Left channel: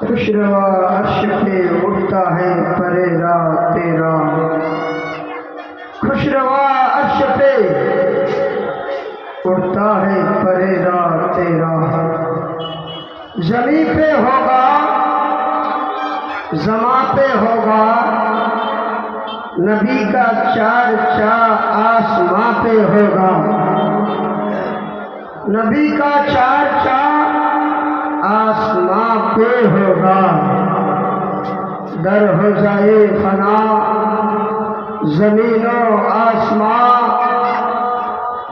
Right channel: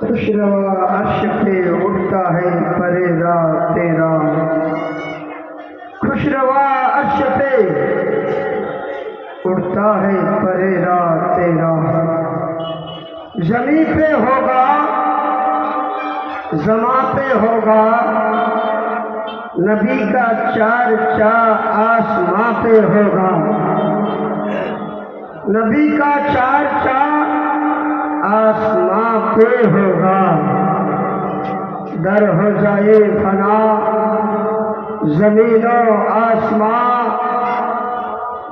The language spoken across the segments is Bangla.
खुशरवा अर्श पे उड़ता है परेरा तेरा। खुशरवा अर्श पे उड़ता है परेरा तेरा। जमी पे होगा जमा पे होगा, नबी का चार आसमां पे होगा। नबी का चार आसमां पे होगा। दर हो जाए फना जमीनो आसमां,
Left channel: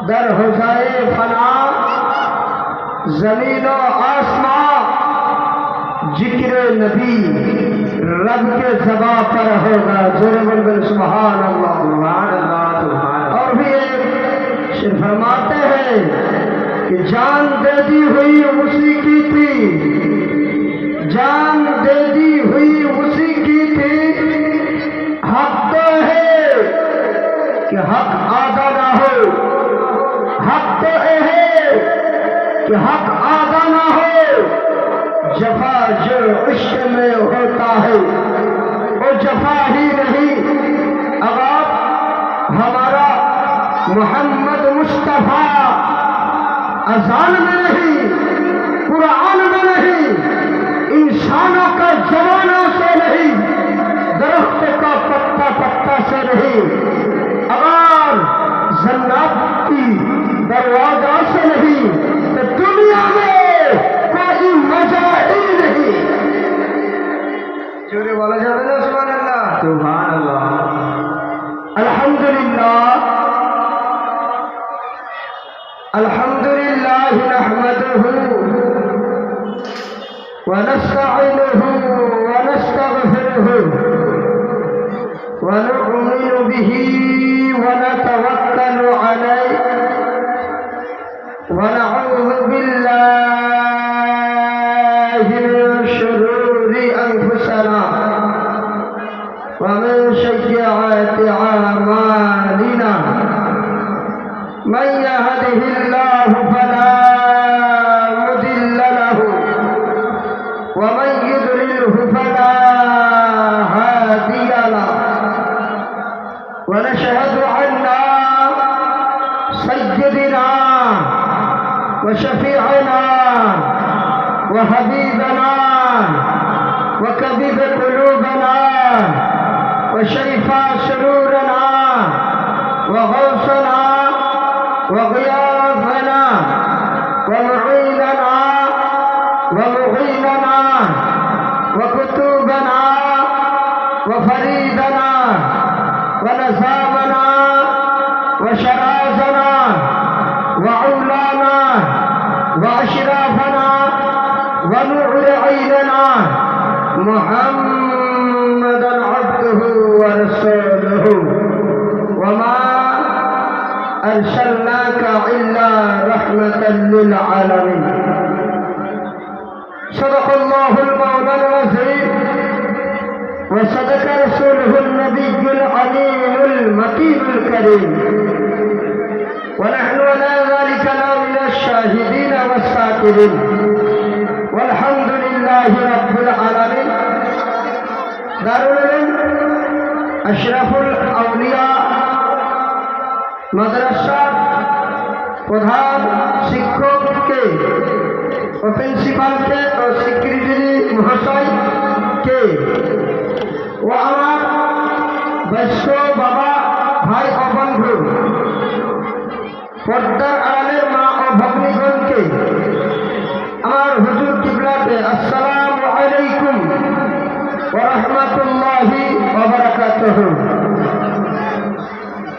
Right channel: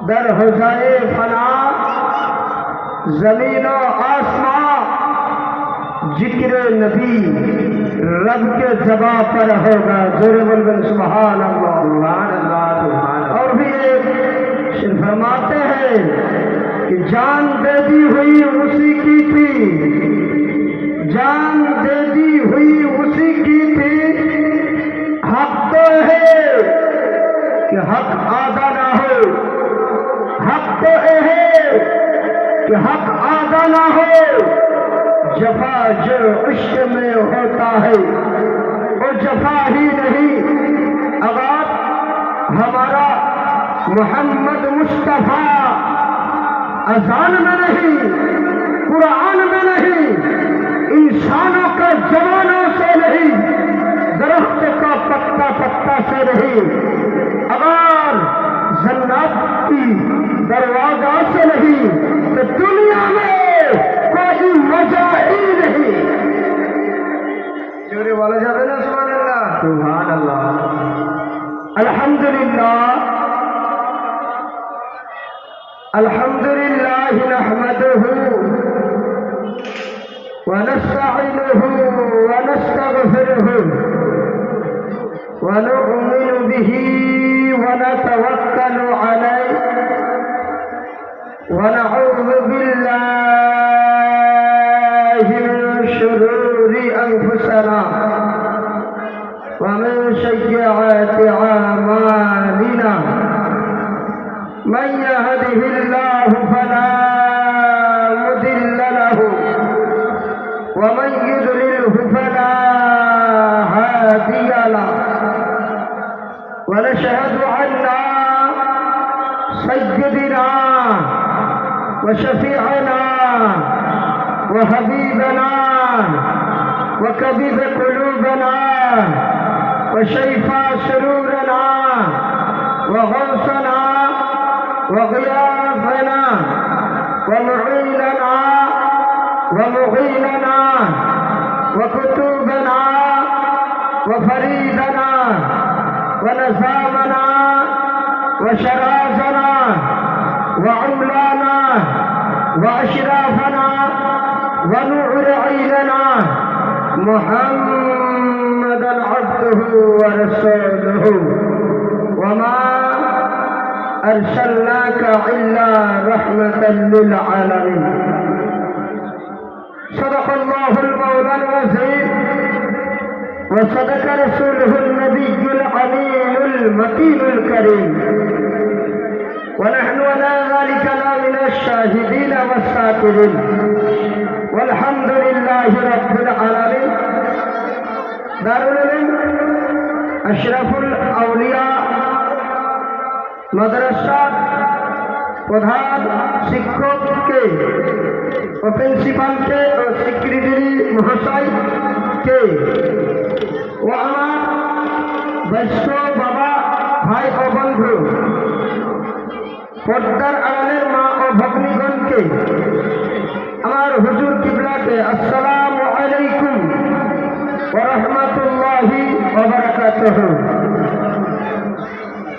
दर हो जाए फना जमीनो आसमां। जिक्र नबी रब के ज़बा पर होगा। जोरे बोल सुभान अल्लाह सुभान अल्लाह। और भी एक शेर फरमाते हैं कि जान दे दी हुई उसी की थी, जान दे दी हुई उसी की थी। हक तो है कि हक आदा ना हो, हक तो है कि हक आदा ना हो। जफा जो इश्क में होता है वो जफा ही नहीं। अगर हमारा मोहम्मद मुस्तफा अज़ान में नहीं, कुरान में नहीं, इंसानों के जवानों से नहीं, दरख्त का पत्ता पत्ता से नहीं, अगर जन्नत की दरवाजा से नहीं, तो दुनिया में कोई मजा ही नहीं। जोरे वाला जाने ना सुभान अल्लाह सुभान अल्लाह। अल्हम्दुलिल्लाह अल्हम्दुलिल्लाह नहमदुहु व नस्तईनुहु व नस्तगफिरुहु व नु'मिनु बिही व नतवक्कलु अलैहि व नऊज़ु बिल्लाहि मिन शुरूरि अनफुसिना व मिन सय्यिआति अमालिना। मन यहदिहिल्लाहु फला मुदिल्ल लहु व मन युद्लिलहु फला हादिय लहु। व नशहदु अन्ना सय्यिदना व शफीअना व हबीबना व कबीर कुलूबना व शरीफा सुरूरना व गौसना वग़ियाथना वमुईनना वमुग़ीनना वकुतुबना वफरीदना वनज़ामना वशराज़ना वअौलाना वअशराफना वनूर ऐनना मुहम्मदन अब्दुहु व रसूलुहु वमा अर्सलनाका इल्ला रहमतन लिल आलमीन। सदक़ल्लाहुल मौलाल अज़ीम व सदक़ रसूलुहुन नबियुल अलीमुल मकीनुल करीम व नहनु अला ज़ालिका लमिनश शाहिदीन वस्साकिरीन वल्हम्दुलिल्लाहि रब्बिल आलमीन। दारुल उलूम अशरफुल औलिया मदरसा प्रधान शिक्षक के और प्रिंसिपाल के और सेक्रेटरी महोदय के व आमार वैष्णव बाबा भाई और बंधु पर्दार आड़ालेर मा और भग्नीगण के आमार हुजूर किबला के अस्सलामु अलैकुम व रहमतुल्लाहि व बाराकातुहु।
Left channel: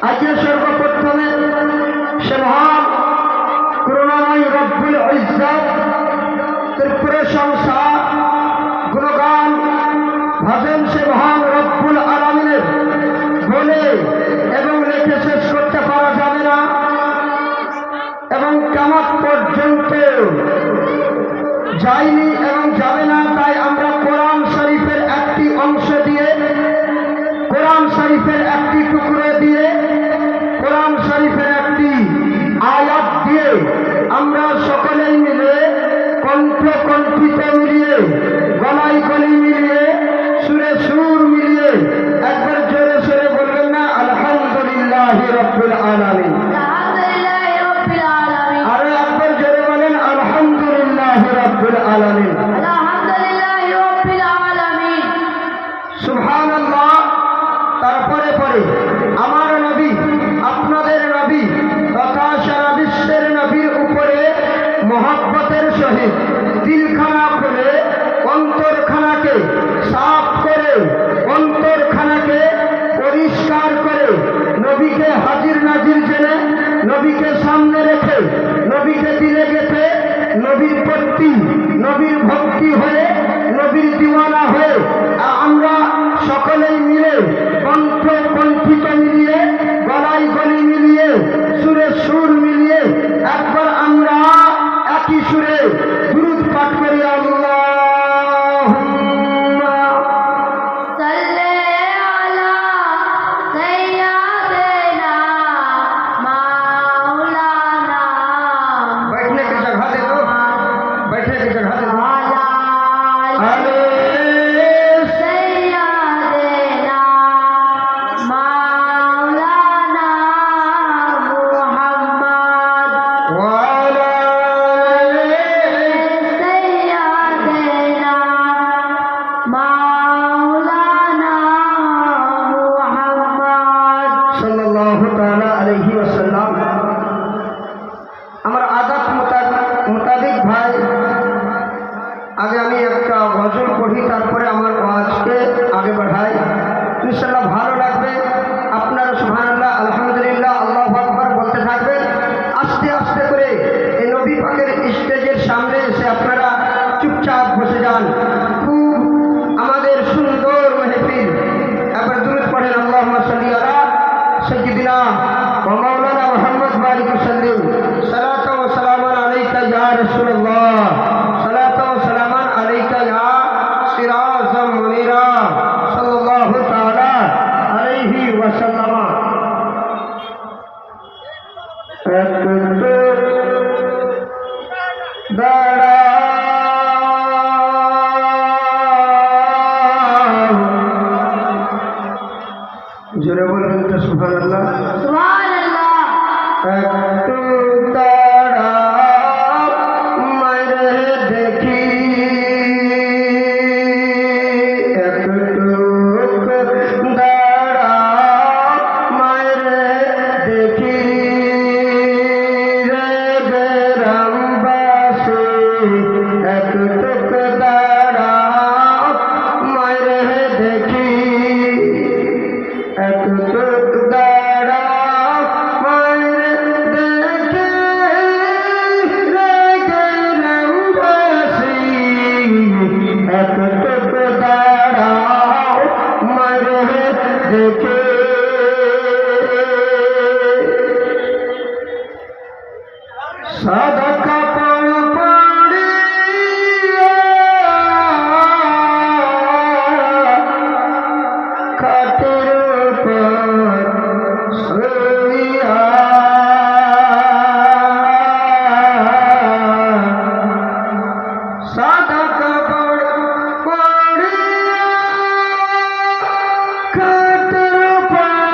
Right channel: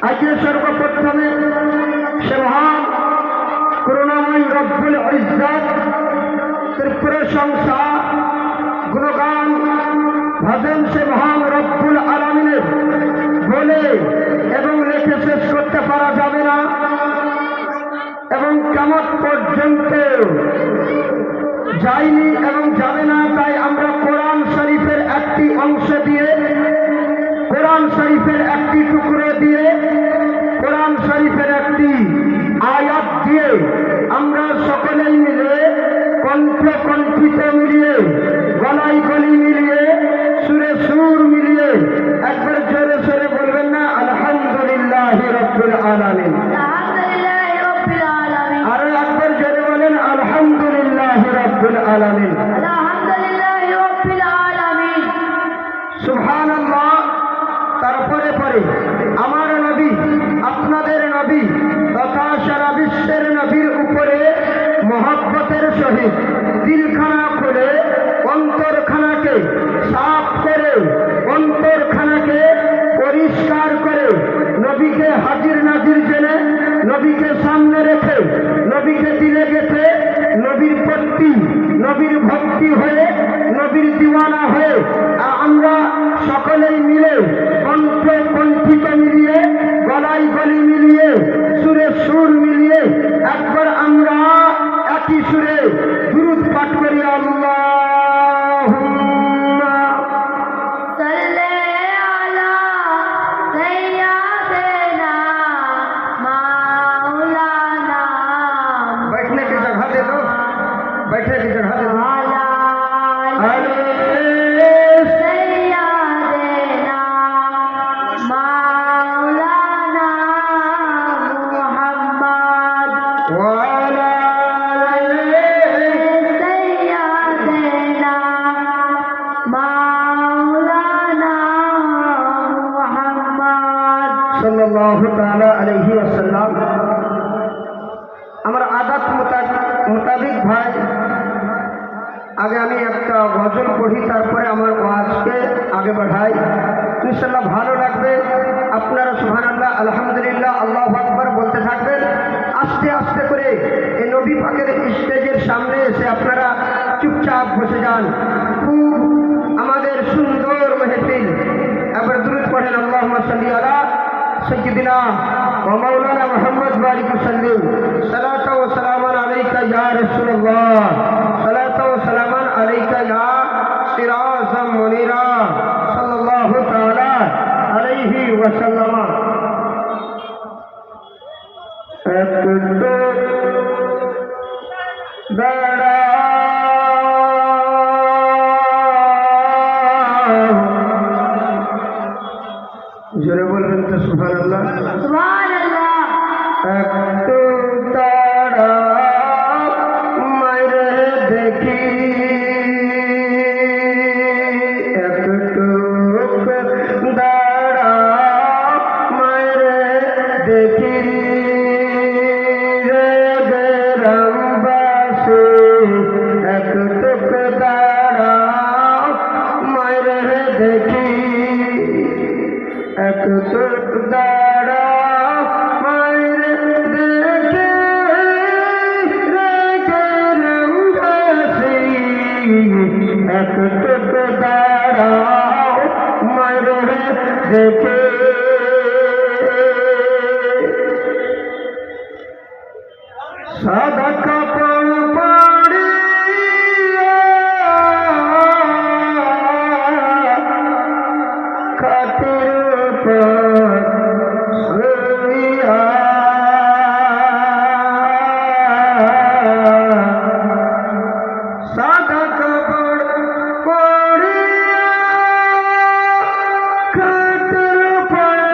आज सर्वप्रथमे सुभान करुणामय रब्बुल इज्जत प्रशंसा गुणगान भजन सुभान रब्बुल आलमीনের বলে এবং লেখে শেষ করতে পারা যাবে না এবং কিয়ামত পর্যন্ত যায়নি এবং যাবে না। তাই আমরা কোরআন শরীফের একটি অংশ দিয়ে, কোরআন শরীফের একটি টুকরো দিয়ে, কোরআন শরীফের একটি আয়াত দিয়ে আমরা সকলেই মিলে কণ্ঠ কণ্ঠিত মিলিয়ে গলায় সাল্লাল্লাহু তাআলা আলাইহি ওয়াসাল্লাম। আমার আদাত মোতাবেক ভাই, আগে আমি একটা গজল পড়ি, তারপরে আমার ওয়াজকে আগে বাড়াই, ইনশাআল্লাহ ভালো লাগবে। আপনারা সুবহানাল্লাহ, আলহামদুলিল্লাহ, আল্লাহু আকবার বলতে থাকবেন। আস্তে আস্তে করে এই নবী পাকের স্টেজের সামনে এসে আপনারা চুপচাপ বসে যান। খুব আমাদের সুন্দর মেহফিল। এবার দুরূদ পড়েন, আল্লাহুম্মা সাল্লি আলা সাইয়্যিদিনা ওয়া মাওলানা মুহাম্মদ বারিক ওয়াসাল্লিম। সালাতু ওয়া সালামান আলাইকা ইয়া রাসূলুল্লাহ, সালাতু ওয়া সালামান আলাইকা ইয়া সিরাজাম মুনিরা, সাল্লাল্লাহু তাআলা আলাইহি ওয়াসাল্লাম। একটু দাঁড়া জোরে বলবেন তো সুবহানাল্লাহ, সুবহানাল্লাহ। একটু দাঁড়া মারে দেখি, একটু দাঁড়া মারে দেখি রে বেরামবাসী, একটু দাঁড়া মারে দেখি, একটু দাঁড়া মারে দেখি রে বেরামবাসী, একটু দাঁড়া মারে দেখি। সাদা কাপড় পরিয়া খাটের উপর শুইয়া, সাদা কাপড় পরিয়া খাটের উপর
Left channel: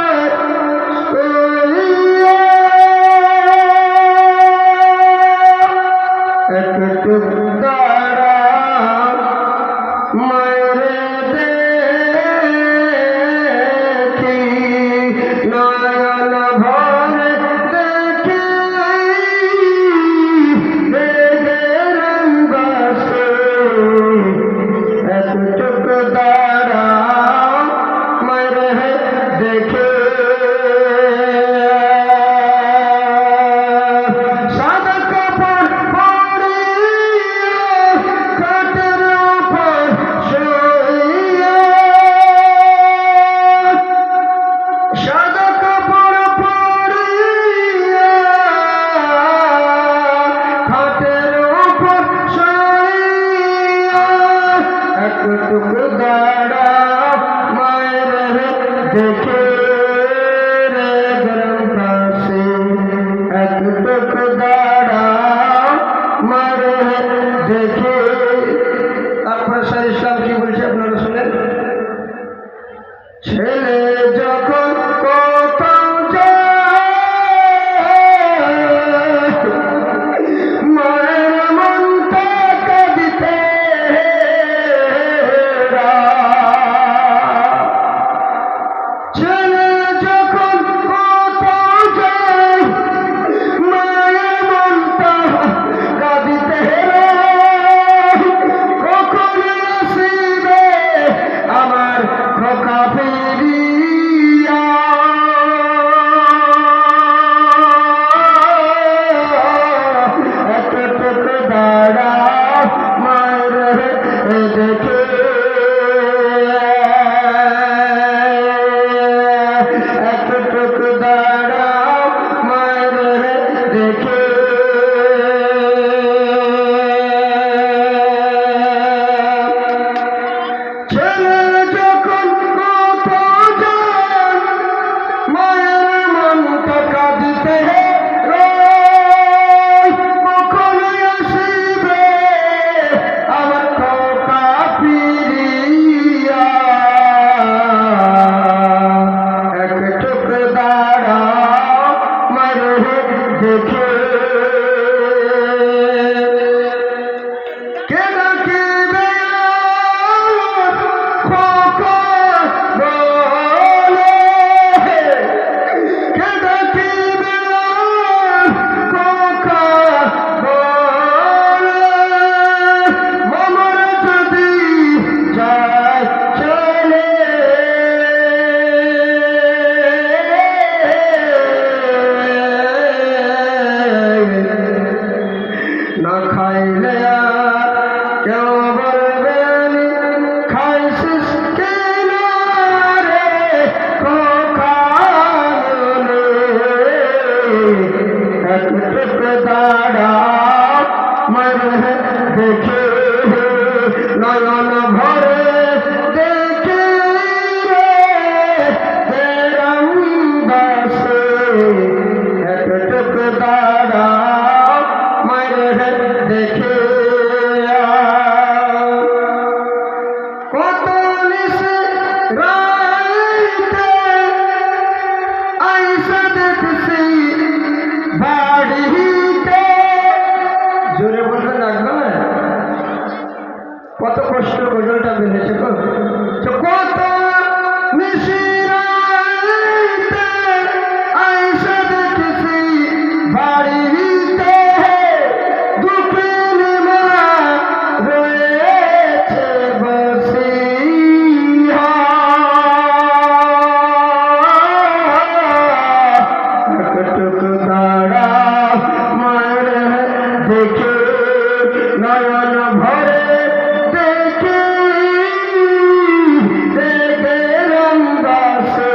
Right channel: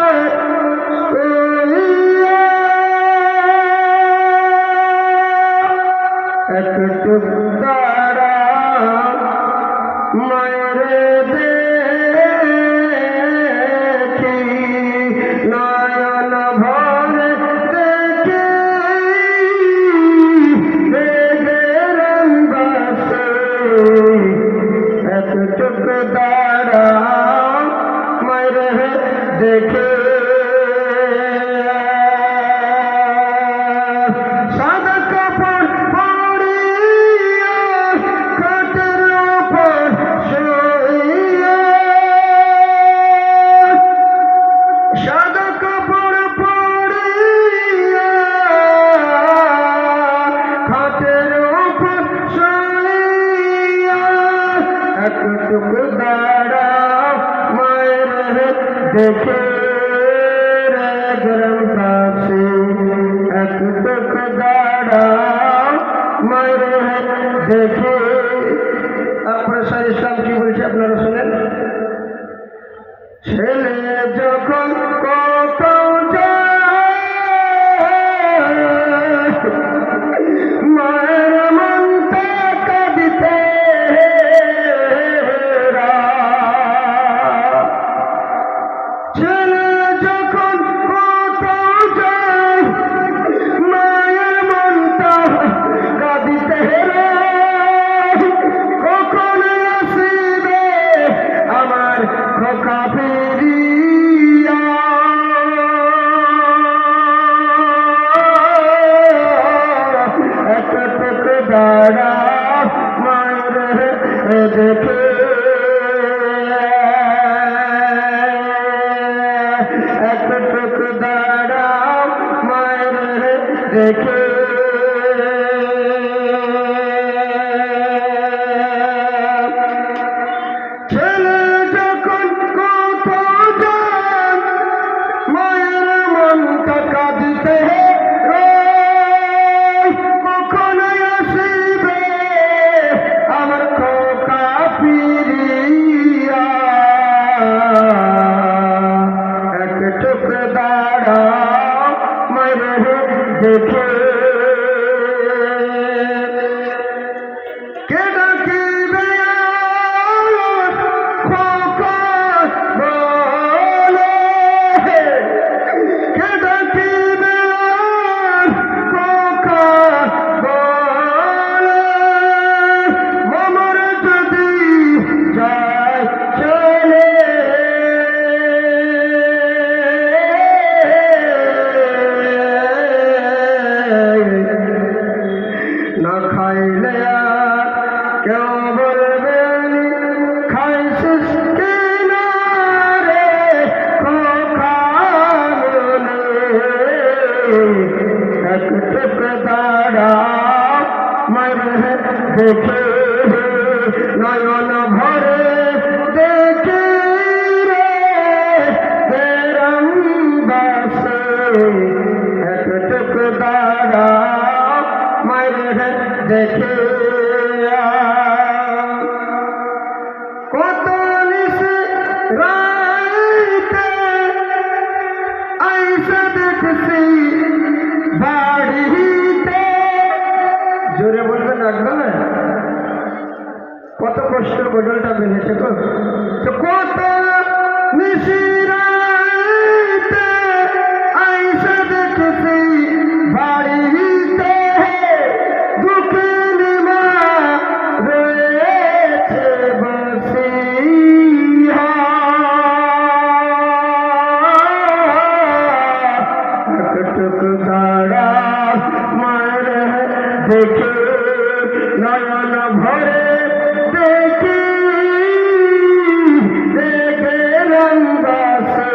শুইয়া, একটু দাঁড়া মারে দেখি, নয়ন ভরে দেখি বেরামবাসী, একটু দাঁড়া মারে দেখি। সাদা কাপড় পরিয়া খাটের উপর শুইয়া, সাদা কাপড় পরিয়া খাটের উপর শুইয়া, একটু দাঁড়া মারে দেখে রে বেরামবাসী, একটু দাঁড়া মারে দেখে। তারপরে স্যার ইসলাম কি বলছে আপনারা শোনেন। ছেলে যখন কোথাও যায়, মায়ের মনটা কাঁদিতে ছেলে যখন কোথাও যায়, মায়ের মনটা কাঁদিতে কখন আসিবে আমার খোকা ফিরিয়া, একটু দাঁড়া মায়ের দেখে, একটু দাঁড়া মায়ের দেখে। নয়ন ভরে দেখে রে তেরম বাসে একটুক দাঁড়াও মায়ের দেখে কত নিশ রাইতে আইসা দেখছি বাড়িতে জোরে বলবেন একবার কত কষ্ট গজলটা বেড়েছে তো কত মিশিরাইতে আইসা দেখছি বাড়িতে দুঃখের মা রয়েছে বসিয়া একটুক দাঁড়া মায়ের দেখে নয়ন ভরে দেখে রঙ্গাসে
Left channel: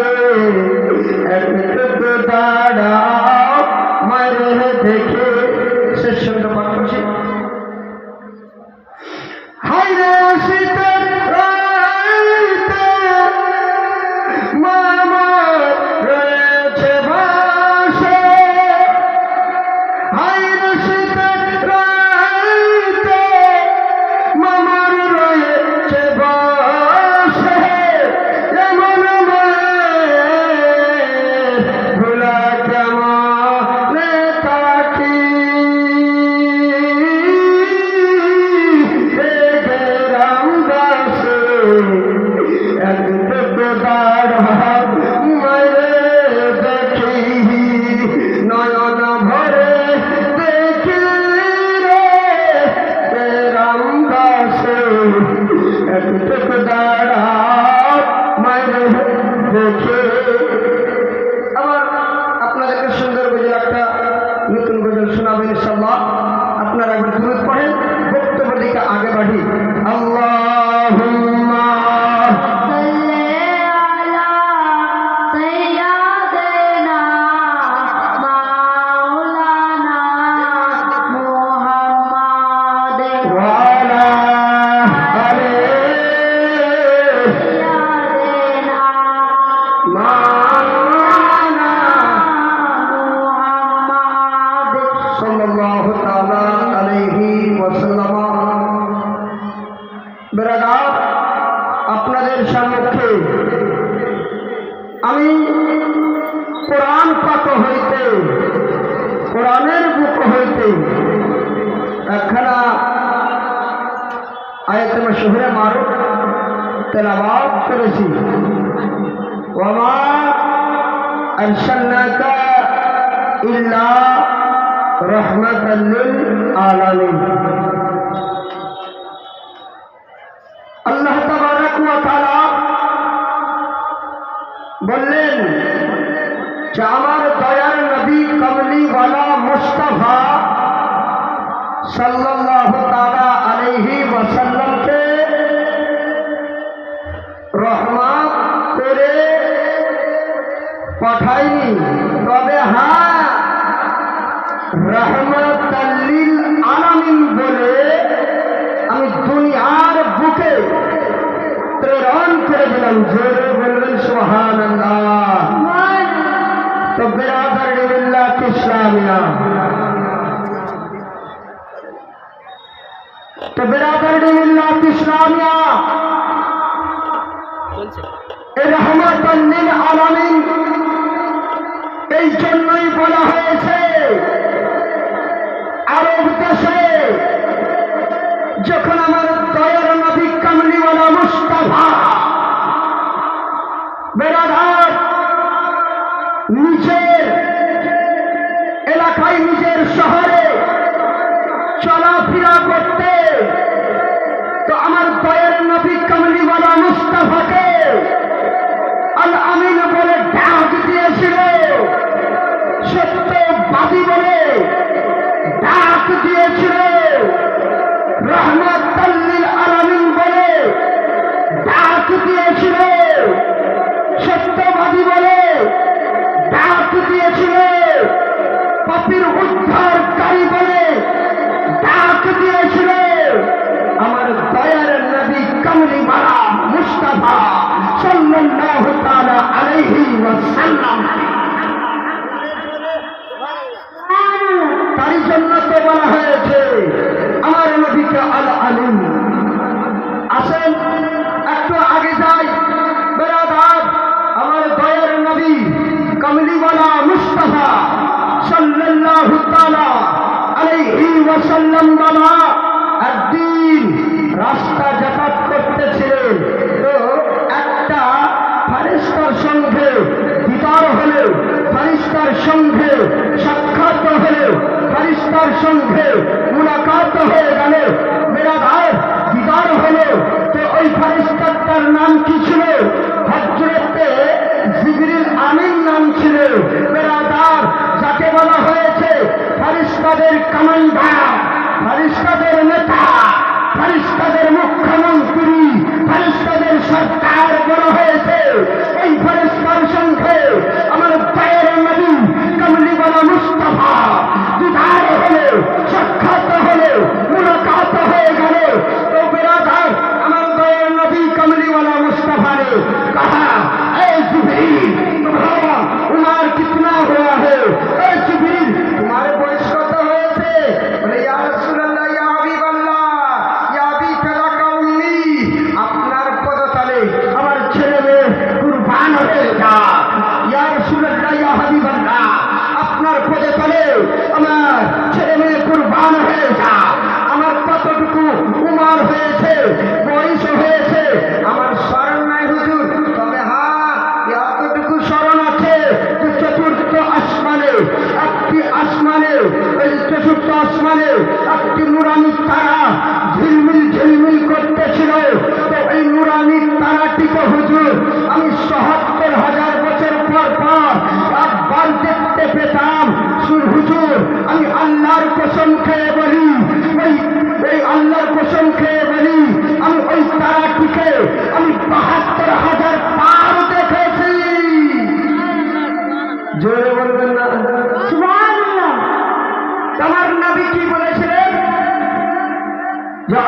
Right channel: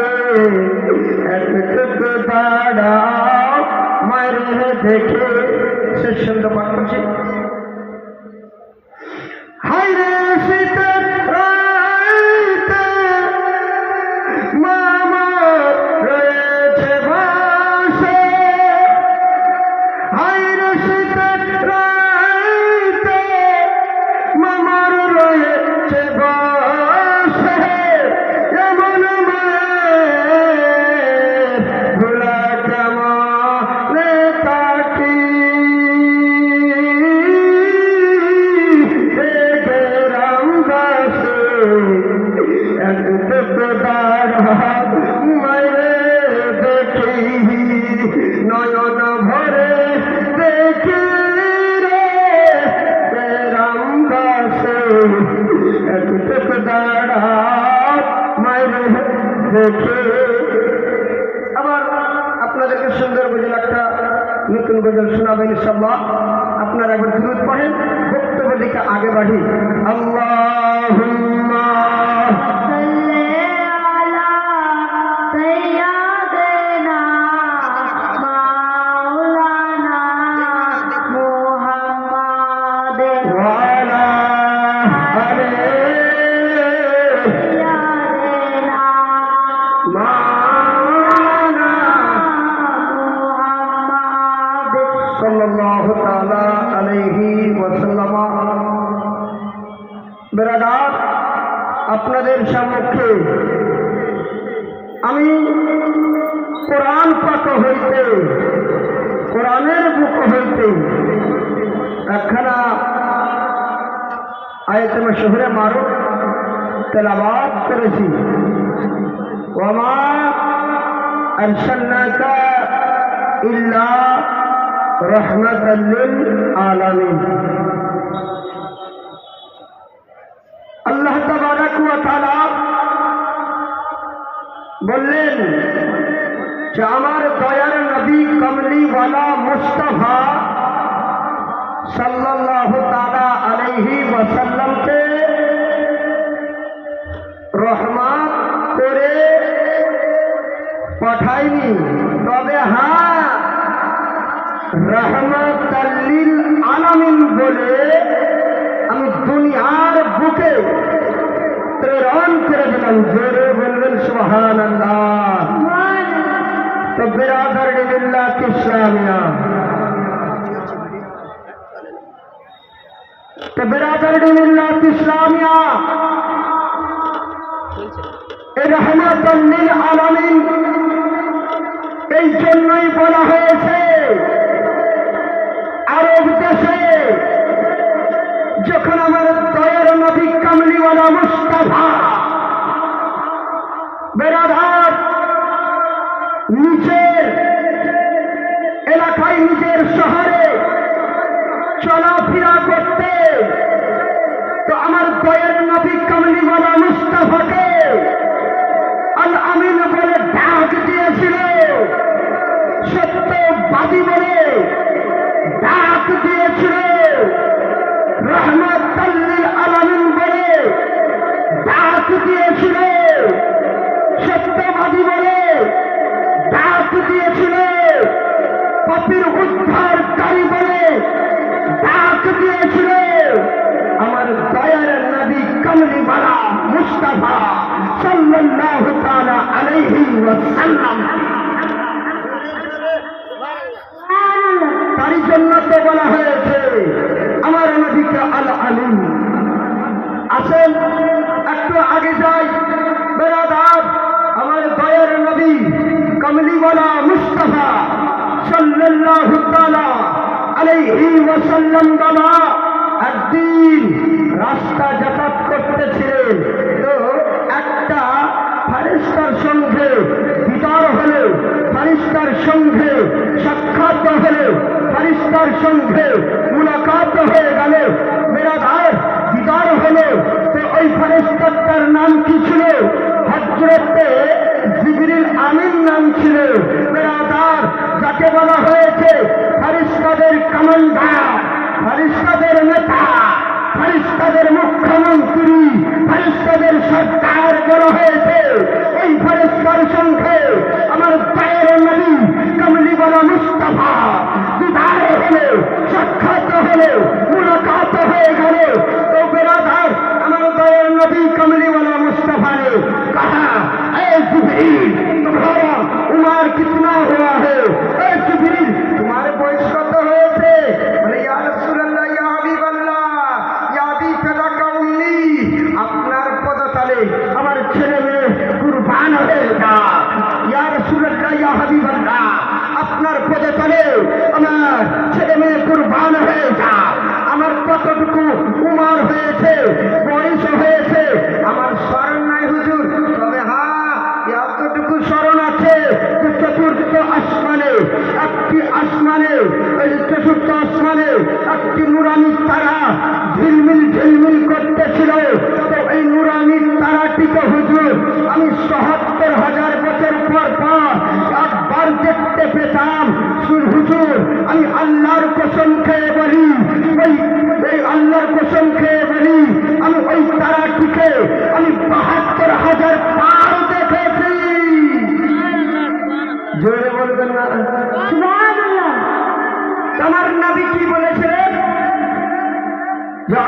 একটুক দাঁড়া মায়ের দেখে শেষ সুন্দর পাঠ্য হাই রে শীতের রাইতে মামা রয়েছে বাসে হাই রে শীতের রাইতে মামার রয়েছে বাসে এমন মায়ের ভোলা কেমন তাকি নয়ন ভরে দেখি রে রাম দাসে একটুক দাঁড়া মায়ের দেখে আবার আপনাদেরকে সুন্দর গজল একটা নতুন গজল শোনাবেন ইনশাআল্লাহ আপনারা একবার দুরূদ পড়েন বক্তব্য দিকে আগে বাড়ি আল্লাহুম্মা সাল্লাল্লাহু তাআলা আলাইহি ওয়াসাল্লাম। ব্রাদার, আপনাদের সম্মুখে আমি কোরআন পাঠ হইতে কোরআনের বুক হইতে একখানা আয়াতে মাশহুরে মারুফ তেলাওয়াত করেছি। ওয়ামা আরসালনাকা ইল্লা রাহমাতাল লিল আলামিন। আল্লাহ তাবারাক ওয়া তাআলা বললেন যে আমার দয়ার নবী কমলিওয়ালা মুস্তাফা সাল্লাল্লাহু তাআলা আলাইহি ওয়াসাল্লামকে রহমত করে পাঠাইনি, তবে হ্যাঁ রহমাতাল লিল আলামিন বলে আমি দুনিয়ার বুকে প্রেরণ করে দিলাম। জোরে বলবেন সুবহানাল্লাহ। তো বিরাদর মিল্লাত ইসলামিয়া, তো বিরাদর মিল্লাত ইসলামিয়া এই রহমাতাল লিল আলামিন এই জন্যই বলা হয়েছে আরব দেশে যখন আমার দয়ার নবী কামলিওয়ালা মুস্তাফা বেরাদার নিজের এলাকায় নিজের শহরে চলাফেরা করতে, তো আমার দয়ার নবী কামলিওয়ালা মুস্তাফাকে আল আমিন বলে ডাক দিয়েছিল, সত্যবাদী বলে ডাক দিয়েছিল, রহমাতাল লিল আলামিন বলে ডাক দিয়েছিল, সত্যবাদী বলে ডাক দিয়েছিল, পাপীর উদ্ধারকারী বলে ডাক দিয়েছিল। আমার দয়ার নবী कमली वाला मुस्तफा सल्लल्लाहु ताला अलैहि वसल्लम। তাই জন্য তো বলা হয়েছে আমার নবীকে আল আলিম। আসেন একটু আগে যাই বেরাদার, আমার দয়ার নবী কমলিওয়ালা মুস্তাফা সাল্লাল্লাহু তাআলা আলাইহি ওয়াসাল্লাম বাবা একদিন রাস্তা যাতায়াত করতেছিলেন, তো একটা ফারিস্তার সঙ্গে দিদার হলো, ফারিস্তার সঙ্গে সাক্ষাৎ হলো, ফারিস্তার সঙ্গে মুলাকাত হয়ে গেল, মেরা ভাই দিদার হলো। তো ওই ফারিস্তার নাম কি ছিল? হযরতে জিবরিল আমিন নাম ছিল। বেরাদার, যাকে বলা হয়েছে ফারিস্তাদের কমান্ডার, ফারিস্তাদের নেতা, ফারিস্তাদের মুখ্যমন্ত্রী, ফারিস্তাদের সরকার বলা হয়েছে। এই ফারিস্তার সঙ্গে আমার দয়ার নবী কমলিওয়ালা মুস্তাফা দিদার হলো, সাক্ষাৎ হলো, মুলাকাত হয়ে গেল। তো বেরাদার, আমার দয়ার নবী कमलीवाला मुस्तफा ने कहा, ऐ जिब्रील तुम्हारा उम्र कितना हुआ है? ऐ जिब्रील तुम्हारे बयस कत হয়েছে? বলে ইয়া রাসূলুল্লাহ, ইয়া হাবিবাল্লাহ, ইয়া আবি ফালাকা উম্মি, আপনার পদতলে আমার ছেলে মেয়ে কুরবান হয়ে যা। ইয়া রাসূলুল্লাহ, ইয়া হাবিবাল্লাহ, আপনার পদতলে আমার ছেলে মেয়ে কুরবান হয়ে যা। আমার কতটুকু উমর হয়েছে, বয়স হয়েছে, আমার স্মরণ নাই হুজুর, তবে হ্যাঁ এতটুকু স্মরণ আছে যে চতুর্থ আসমানে, একটি আসমানে, ওই চতুর্থ আসমানে একটি নুরানি তারা ঝিলমিল ঝিলমিল করতেছিল। তো এই নুরানি তারাটিকে হুজুর আমি ৭৭,০০০ বছর পর পর একবার দেখতে পেতাম। হুজুর আমি আল্লাহর কসম খেয়ে বলি, ওই আল্লাহর কসম খেয়ে বলি, আমি ওই তারাটিকে আমি ৭২,০০০ পার দেখেছি। জোরে বলবেন না সুবহানাল্লাহ। তোমার নবী কি বলেছিলেন? যে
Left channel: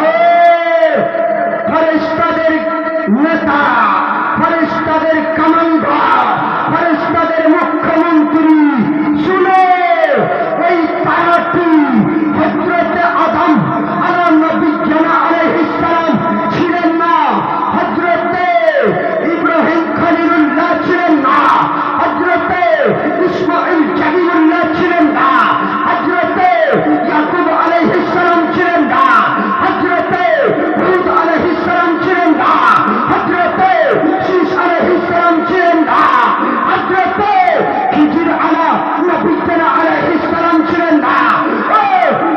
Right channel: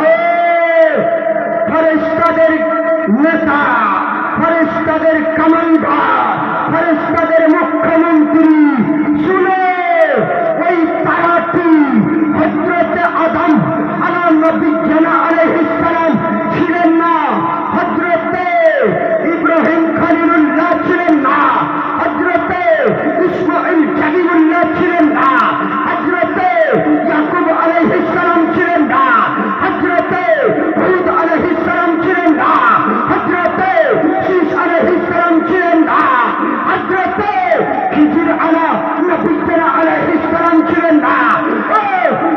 ফেরেশতাদের নেতা, ফেরেশতাদের কমান্ডার, ফেরেশতাদের মুখ্যমন্ত্রী, শুনে ওই তারাটি হযরতে আদম আলাইহিস সালাম ছিলেন না, হযরতে ইব্রাহিম খলিলুল্লাহ ছিলেন না, হযরতে ইসমাঈল জালিলুল্লাহ ছিলেন না, হযরতে ইয়াকুব আলাইহিস সালাম ছিলেন না, হযরতে হুদ আলাইহিস সালাম ছিলেন না, হযরতে শীশ আলাইহিস সালাম ছিলেন না, হযরতে খিজির আলাইহিস সালাম ছিলেন না। ও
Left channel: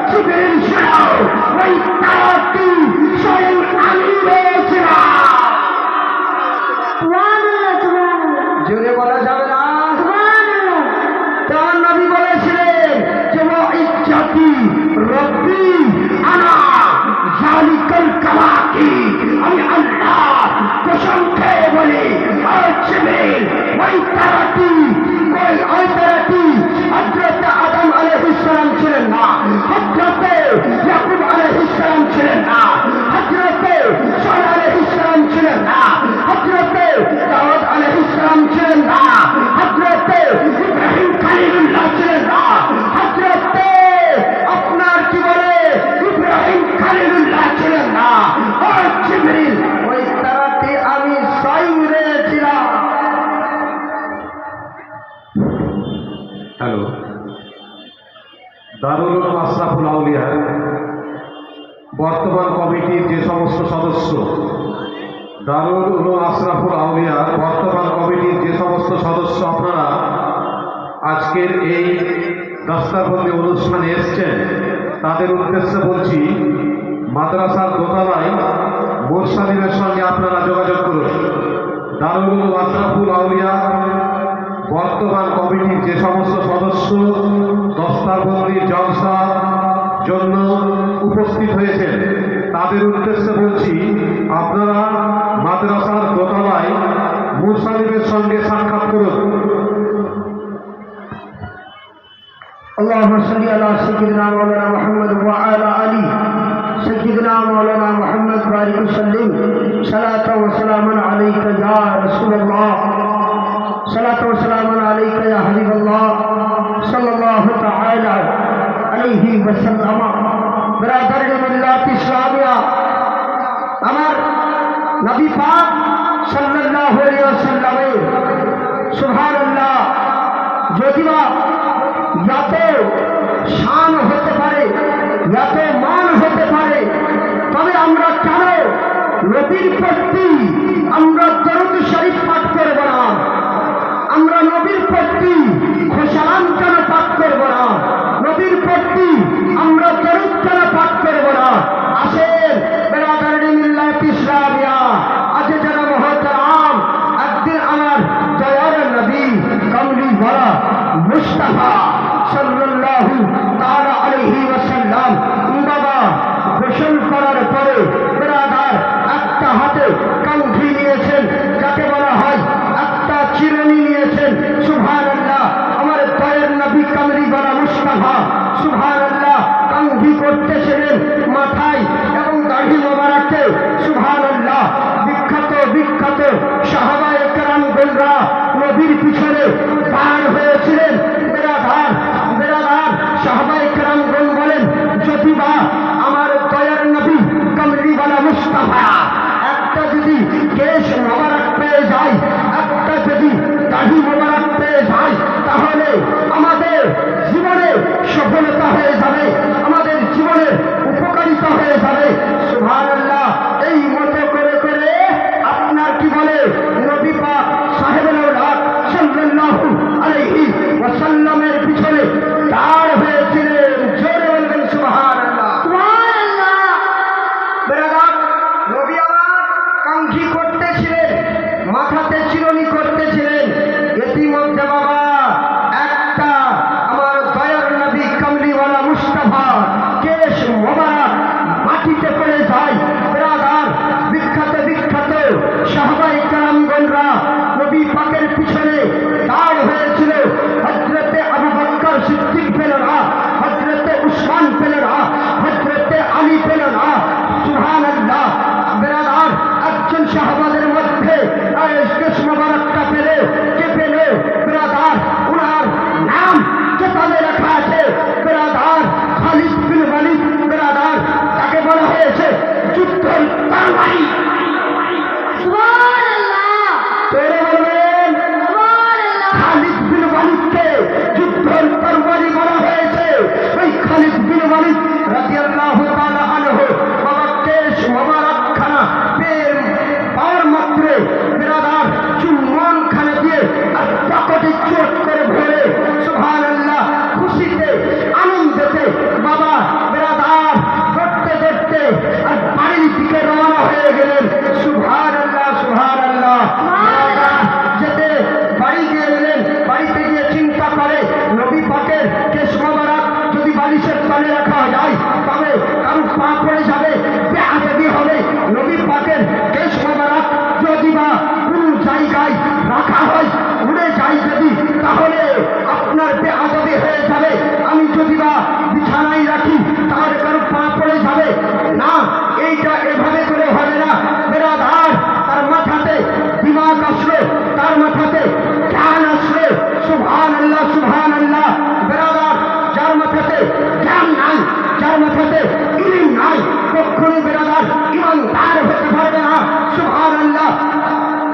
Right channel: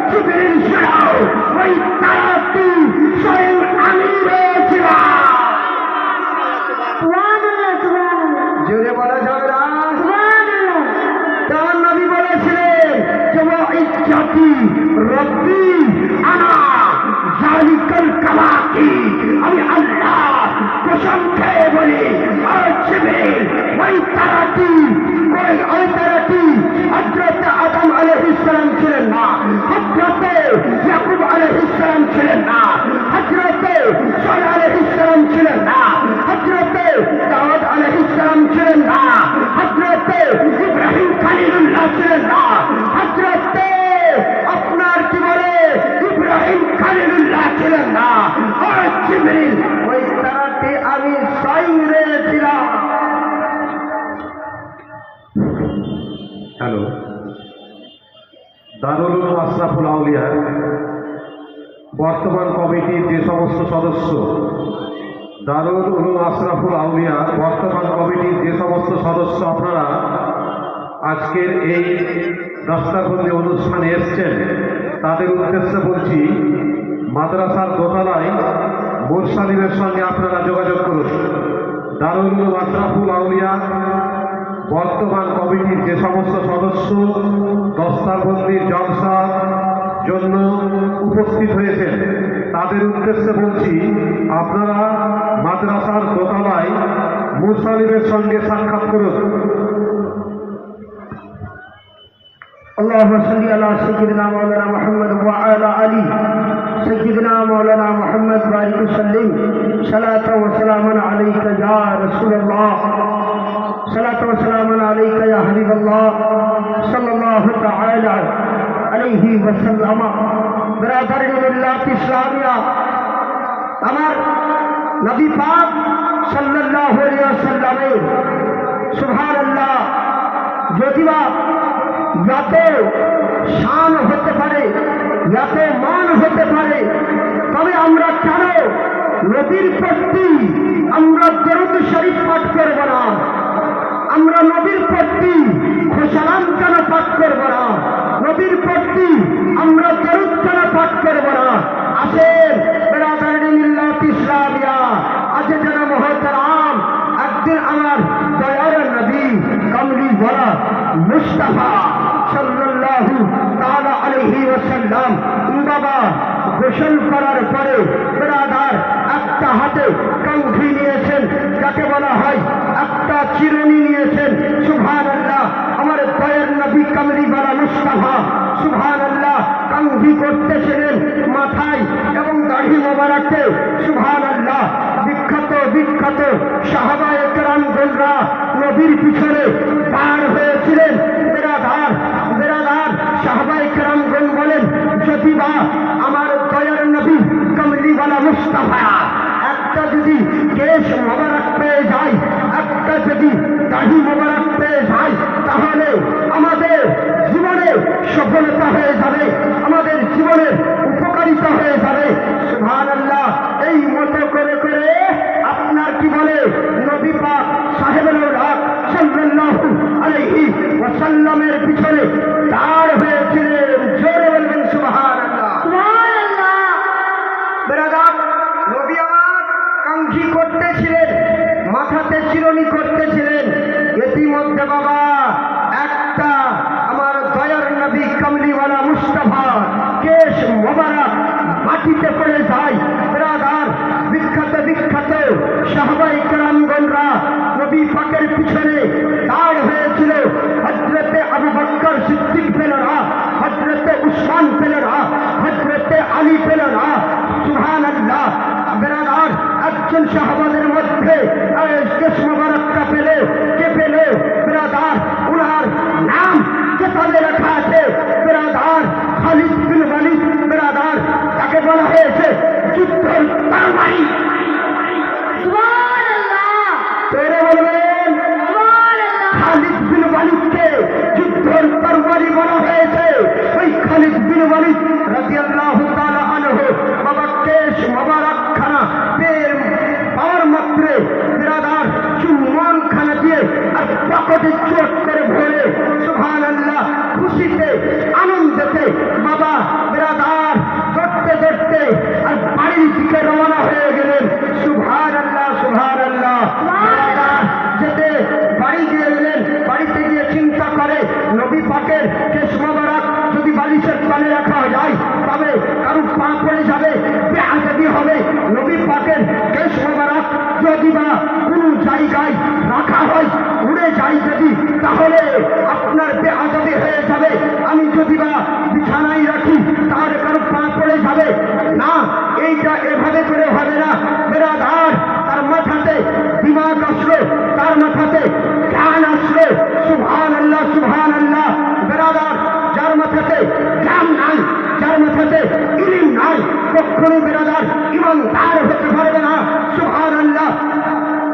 জিবরিল শোনাও, ওই তারাটি স্বয়ং আমি রয়েছিলাম। জোরে বলা যাবে না? তার নবী বলেছিলেন যে ইজ্জতি রব্বি আনা যালিকাল কাওয়াকি, আমি আল্লাহ কসম খেয়ে বলি, ও জিবরিল ওই তারাটি হযরত আদম আলাইহিস সালাম ছিলেন না, হযরত ইয়াকুব আলাইহিস সালাম ছিলেন না, হযরত সালেহ আলাইহিস সালাম ছিলেন না, হযরত দাউদ আলাইহিস সালাম ছিলেন না, হযরত ইব্রাহিম খলিলুল্লাহ ছিলেন না, হযরত আপনার কি বলে ইব্রাহিম খলিলুল্লাহ ছিলেন না। ও জিবরিল ওই তারাটি আমি স্বয়ং রয়েছিলাম। হ্যালো, দারুল উলুম আশরাফুল আউলিয়ার বর্তমান কমিটির যে সমস্ত সদস্য, দারুল উলুম আশরাফুল আউলিয়ার বর্তমান কমিটির যে সমস্ত সদস্য আপনারা আজকের এই দস্তারবন্দি অনুষ্ঠানে এসছেন, তাদের উদ্দেশ্যে বলছি, মাদ্রাসার দোতলায় মোরসালিমের সঙ্গে আপনারা যোগাযোগ করুন। দারুল উলুম আশরাফুল আউলিয়া বর্তমান কমিটির যে সমস্ত সদস্য দস্তারবন্দি জলসার জন্য উপস্থিত হয়েছেন, তাদের উদ্দেশ্যে বলছি, আপনারা মাদ্রাসার দোতলায় মুরসালিমের সঙ্গে সাক্ষাৎ করুন। اللهم صل على سيدنا مولانا محمد وعلى آله سيدنا مولانا محمد بارك وسلم নবী পাক সাল্লাল্লাহু আলাইহি ওয়াসাল্লামের সুবহানাল্লাহ যদিবা এত শান হতে পারে, এত মান হতে পারে, তবে আমরা কেন নবীর প্রতি আমরা দরুদ শরীফ পাঠ করব না? আমরা নবীর প্রতি খুশালাম কেন পাঠ করব না? নবীর প্রতি আমরা দরুদ কেন পাঠ করব না? আসেন বেরাদারি মিল্লাত ইসলামিয়া, আজ যারা মহতারাম, একদিন আমার দয়ার নবী কামলি ওয়ালা মুস্তাফা সাল্লাল্লাহু তাআলা আলাইহি ওয়াসাল্লাম বাবা গোসল করার পরে বেরাদার একটা হাতে কাঙ্ঘি নিয়েছেন, যাকে বলা হয় একটা চিরুনি নিয়েছেন। সুবহানাল্লাহ, আমার দয়ার নবী কামলি ওয়ালা মুস্তাফা সুবহানাল্লাহ কাঙ্ঘি করতেছিলেন মাথায় এবং দাড়ি মোবারকে। সুবহানাল্লাহ, বিখ্যাত বিখ্যাত সাহাবায়ে কেরামগণরা নবীর পিছনে পার হয়েছিলেন। বেরাদার বেরাদার সাহাবায়ে কেরামগণ বলেন, যদি বা আমার দয়ার নবী কামলি ওয়ালা মুস্তাফা একটা যদি কেশ মোবারক পেয়ে যায়, একটা যদি দাড়ি মোবারক পেয়ে যায়, তাহলে আমাদের জীবনে সফলতা হয়ে যাবে, আমাদের জীবনে উপকারিতা হয়ে যাবে। সুবহানাল্লাহ, এই মতো করে করে আপনার কি বলে নবী পাক সাহেবের সাল্লাল্লাহু আলাইহি ওয়াসাল্লামের পিছনে দাঁড় হয়েছিলেন। জোরে বলবেন সুবহানাল্লাহ, সুবহানাল্লাহ। বেরাদার নবী আমার কাঙ্ক্ষী করতেছিলেন, মাথাতে চিরুনি করতেছিলেন। ইতিমধ্যে বাবা একটা আমার দয়ার নবী কামলিওয়ালা মুস্তাফা কেশ মোবারক মাটিতে পড়ে যায়। বেরাদার বিখ্যাত বিখ্যাত সাহাবায়ে কেরামগণরা নবী পাকের পিছনে দাঁড় হয়েছিল। হযরতে আবু বকর সিদ্দিক পেলেন না, হযরতে উসমান পেলেন না, হযরতে আলী পেলেন না। সুবহানাল্লাহ, বেরাদার একজন সাহাবাদের মধ্যে কেশ মোবারকটা পেলে কে পেল? বেরাদার উনার নাম কেতাবে লেখা আছে বেরাদার খালিদ বিন ওয়ালিদ। বেরাদার তাকে বলা হয়েছে যুদ্ধের তরবারি। সুবহানাল্লাহ, তোরে বলবেন সুবহানাল্লাহ। খালিদ বিন ওয়ালিদকে যুদ্ধের তরবারি বলা হয়েছে। ওই খালিদ বিন ওয়ালিদ রাদিয়াল্লাহু তাআলা আনহু বাবা কেশ মোবারক খানা পেয়ে পাওয়ার মাত্রে বেরাদার চুম্বন খানা দিয়ে আর পকেটে চোট করে ভরে সুবহানাল্লাহ খুশিতে আনন্দতে বাবা বেরাদার দৌড়তে দৌড়তে আর বাড়ির দিকে রওনা হয়ে গেলেন। সুবহানাল্লাহ, সুবহানাল্লাহ। বেরাদার যেতে বাড়ি দিয়ে গেলেন, বাড়িতে গিয়ে চিন্তা করে নবী পাকের কেশ মোবারক যদি বালিশের তলে রাখা যায় তবে কারো পা পড়ে যাবে, বেআদবি হবে। নবী পাকের কেশ মোবারক যদি বা কোন জায়গায় রাখা হয়, উড়ে যায় যদি, তাহলে আপনার বেআদবি হয়ে যাবে। আমি যদি বা বিছানায় রাখি তাহলে কারো পা পড়ে যাবে না, এইটা এভাবে করে হবে না। বেরাদার তার মাথাতে দিমাগ আসলো, তার মাথাতে জ্ঞান আসলো। সুবহানাল্লাহ, সুবহানাল্লাহ। বেরাদার যার মাথাতে জ্ঞান নাই, যার মাথাতে ইলম নাই, কখনো বেরাদার ইমানদার হতে পারবে না। সুবহানাল্লাহ।